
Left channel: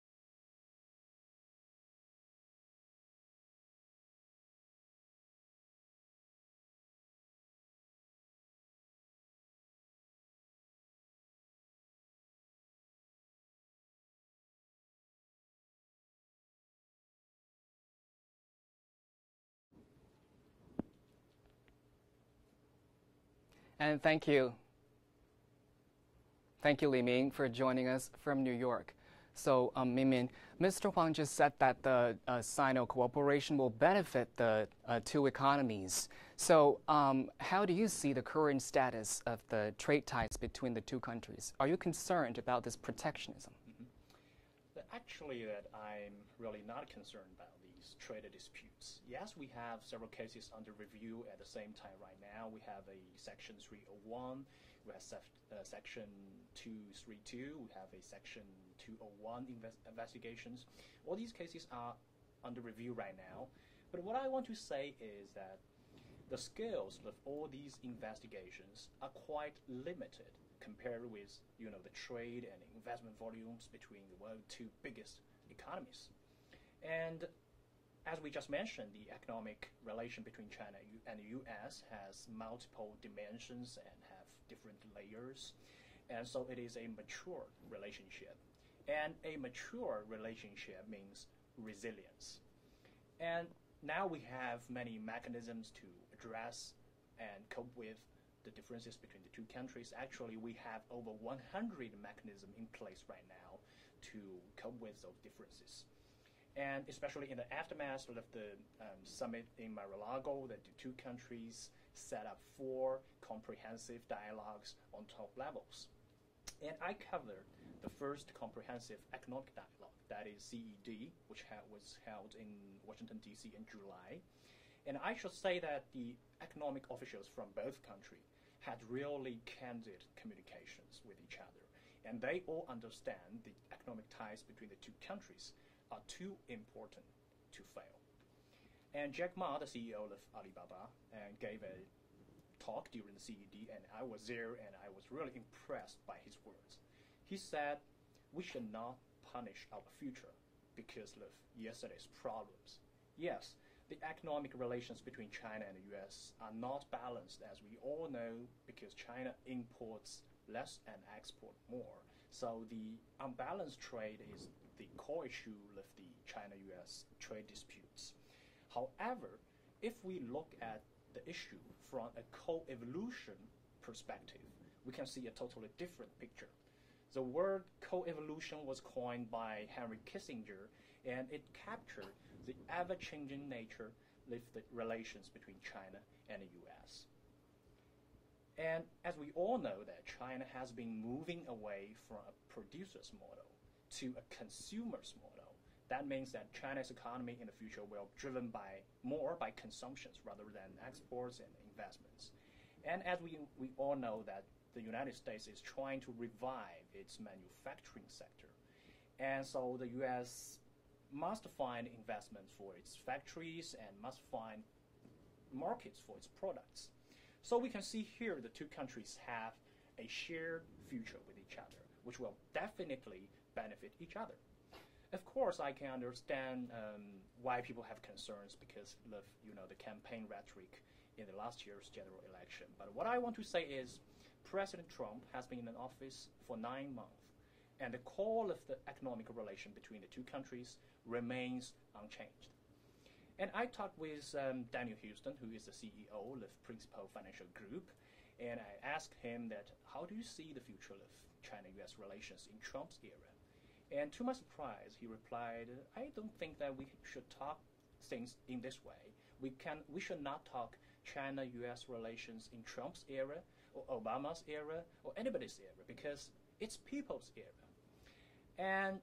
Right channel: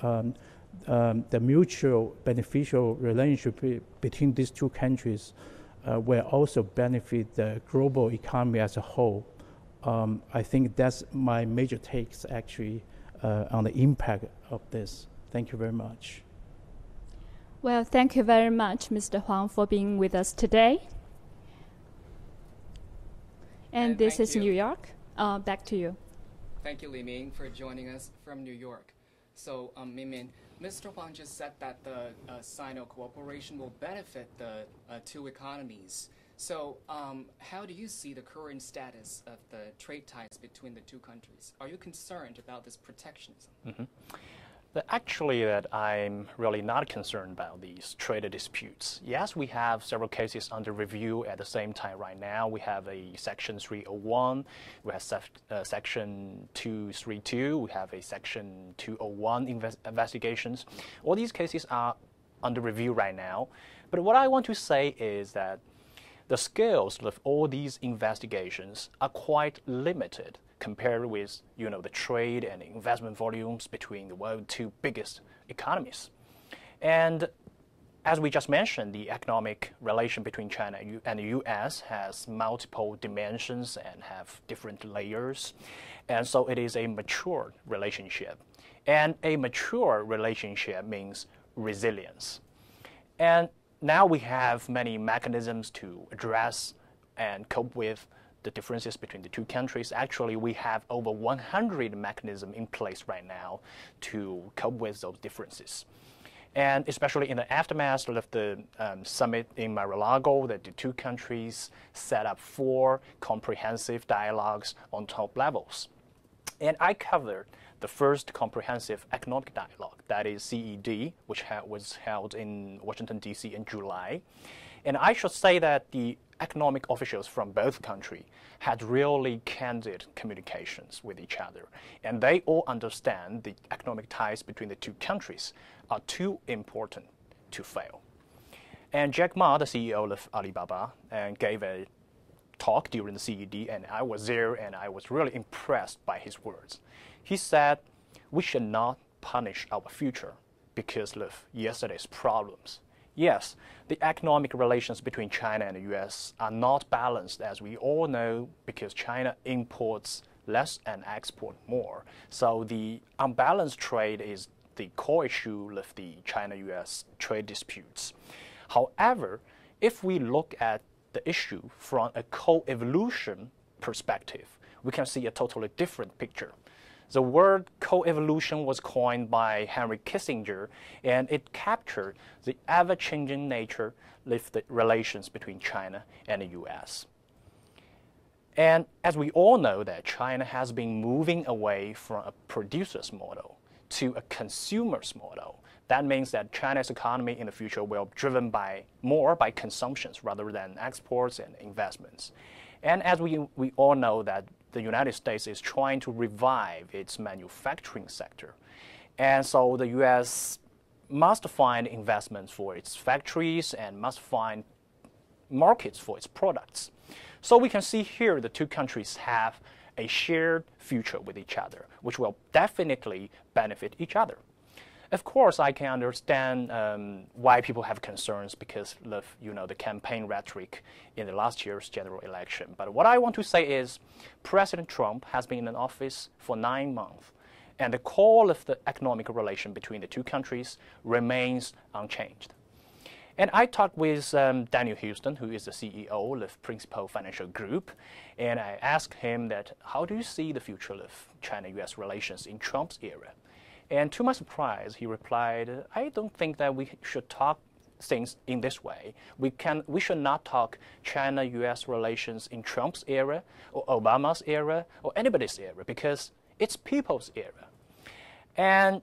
the mutual beneficial relationship between these two countries will also benefit the global economy as a whole. I think that's my major takes, actually, on the impact of this. Thank you very much. Well, thank you very much, Mr. Huang, for being with us today. And this is New York. Back to you. Thank you, Li Ming, for joining us from New York. So, Ming, Mr. Huang just said that the Sino cooperation will benefit the two economies. So, how do you see the current status of the trade ties between the two countries? Are you concerned about this protectionism? Actually, I'm really not concerned about these trade disputes. Yes, we have several cases under review at the same time right now. We have a Section 301, we have Section 232, we have a Section 201 investigations. All these cases are under review right now. But what I want to say is that the scales of all these investigations are quite limited compared with, the trade and investment volumes between the world's two biggest economies. And as we just mentioned, the economic relation between China and the U.S. has multiple dimensions and have different layers. And so it is a mature relationship. And a mature relationship means resilience. And now we have many mechanisms to address and cope with the differences between the two countries. Actually, we have over 100 mechanisms in place right now to cope with those differences. And especially in the aftermath of the summit in Mar-a-Lago, that the two countries set up 4 comprehensive dialogues on top levels. And I covered the first comprehensive economic dialogue, that is CED, which was held in Washington, D.C. in July. And I should say that the economic officials from both countries had really candid communications with each other. And they all understand the economic ties between the two countries are too important to fail. And Jack Ma, the CEO of Alibaba, gave a talk during the CED, and I was there, and I was really impressed by his words. He said, we should not punish our future because of yesterday's problems. Yes, the economic relations between China and the U.S. are not balanced, as we all know, because China imports less and exports more. So the unbalanced trade is the core issue of the China-U.S. trade disputes. However, if we look at the issue from a co-evolution perspective, we can see a totally different picture. The word co-evolution was coined by Henry Kissinger, and it captured the ever-changing nature of the relations between China and the U.S. And as we all know that China has been moving away from a producer's model to a consumer's model. That means that China's economy in the future will be driven more by consumptions rather than exports and investments. And as we all know that the United States is trying to revive its manufacturing sector. And so the U.S. must find investments for its factories and must find markets for its products. So we can see here the two countries have a shared future with each other, which will definitely benefit each other. Of course, I can understand why people have concerns because of the campaign rhetoric in the last year's general election. But what I want to say is President Trump has been in office for 9 months, and the core of the economic relation between the two countries remains unchanged. And I talked with Daniel Houston, who is the CEO of Principal Financial Group, and I asked him that, how do you see the future of China-U.S. relations in Trump's era? And to my surprise, he replied, I don't think that we should talk things in this way. We should not talk China-U.S. relations in Trump's era or Obama's era or anybody's era, because it's people's era. And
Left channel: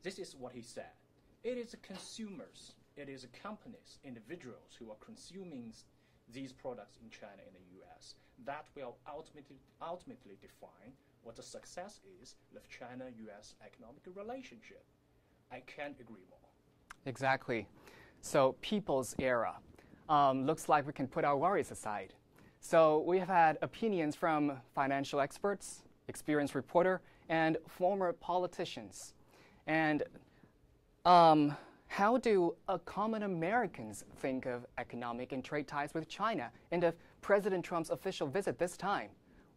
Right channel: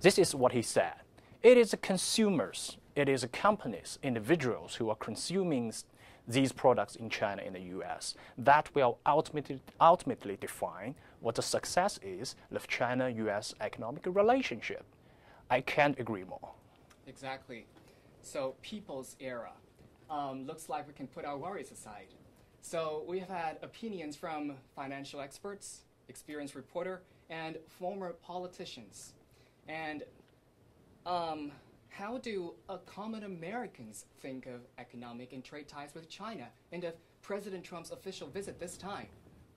this is what he said. It is the consumers, it is the companies, individuals who are consuming these products in China and the U.S. that will ultimately define what the success is of China-U.S. economic relationship. I can't agree more. Exactly. So, people's era. Looks like we can put our worries aside. So, we have had opinions from financial experts, experienced reporter, and former politicians. And how do common Americans think of economic and trade ties with China and of President Trump's official visit this time?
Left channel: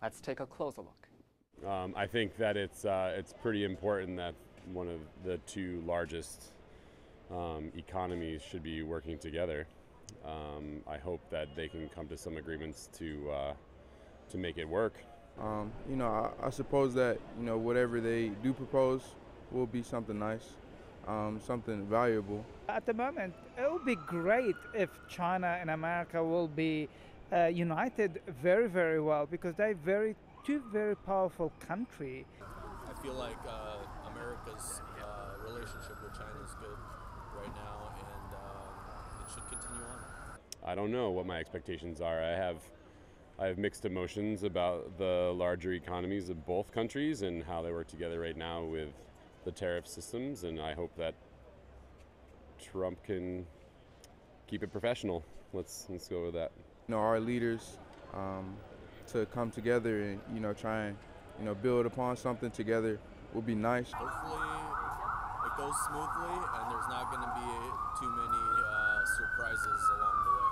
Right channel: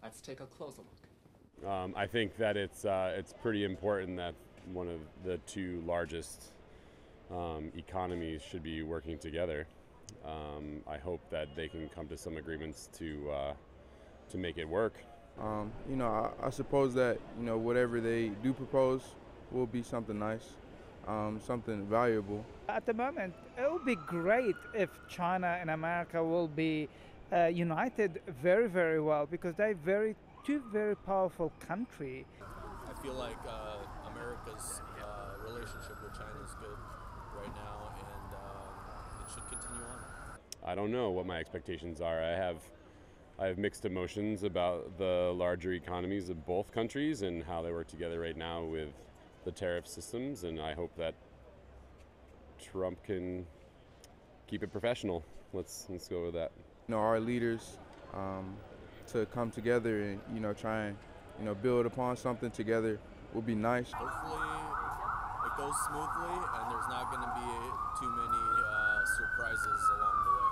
Let's take a closer look. I think that it's pretty important that one of the two largest economies should be working together. I hope that they can come to some agreements to make it work. You know, I suppose that, you know, whatever they do propose will be something nice, something valuable. At the moment, it would be great if China and America will be united very, very well, because they're two very powerful countries. I feel like America's relationship with China is good right now, and it should continue on. I don't know what my expectations are. I have mixed emotions about the larger economies of both countries and how they work together right now with the tariff systems, and I hope that Trump can keep it professional. Let's go with that. You know, our leaders to come together and, you know, try and, you know, build upon something together would be nice. Hopefully it goes smoothly and there's not going to be too many surprises along the way.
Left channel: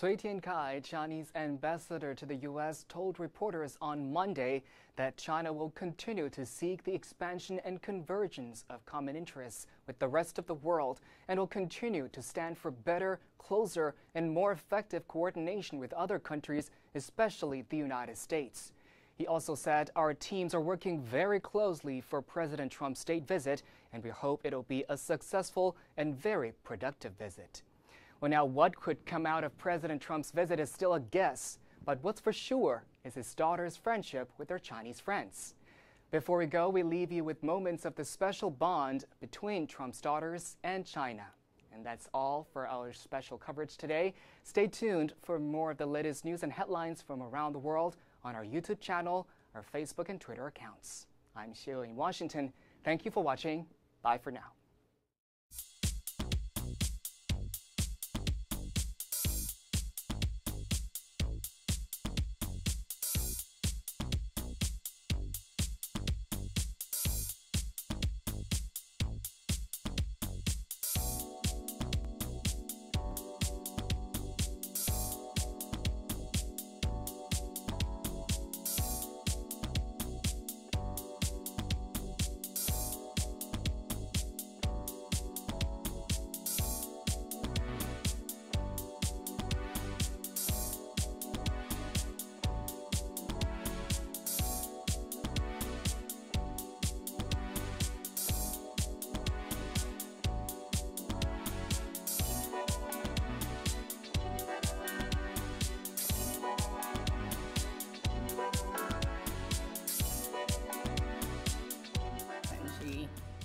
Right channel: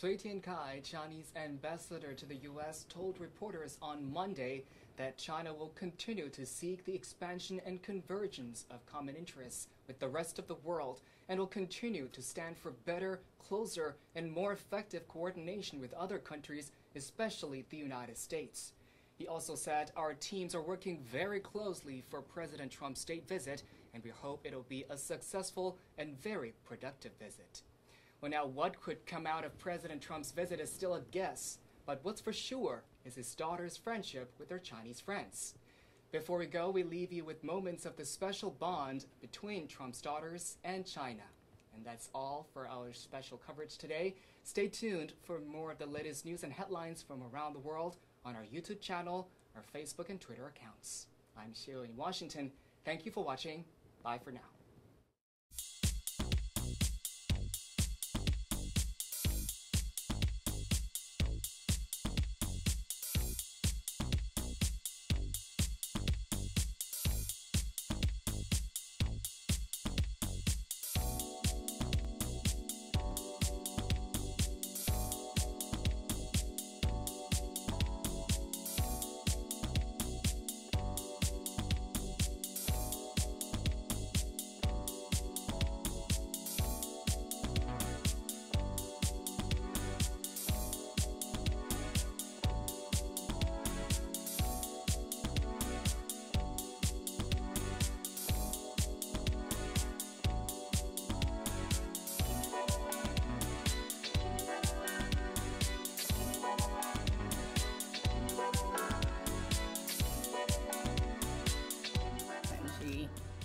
Cui Tiankai, Chinese ambassador to the U.S., told reporters on Monday that China will continue to seek the expansion and convergence of common interests with the rest of the world and will continue to stand for better, closer, and more effective coordination with other countries, especially the United States. He also said, "Our teams are working very closely for President Trump's state visit, and we hope it'll be a successful and very productive visit." Well, now, what could come out of President Trump's visit is still a guess, but what's for sure is his daughter's friendship with her Chinese friends. Before we go, we leave you with moments of the special bond between Trump's daughters and China. And that's all for our special coverage today. Stay tuned for more of the latest news and headlines from around the world on our YouTube channel, our Facebook and Twitter accounts. I'm Xiu in Washington. Thank you for watching. Bye for now.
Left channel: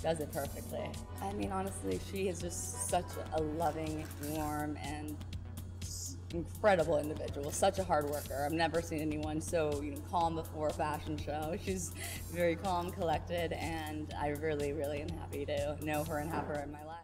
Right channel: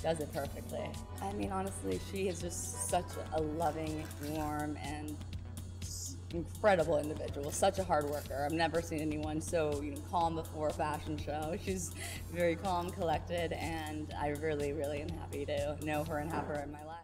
Does it perfectly. I mean, honestly, she is just such a loving, warm, and incredible individual. Such a hard worker. I've never seen anyone so calm before a fashion show. She's very calm, collected, and I really, really am happy to know her and have her in my life.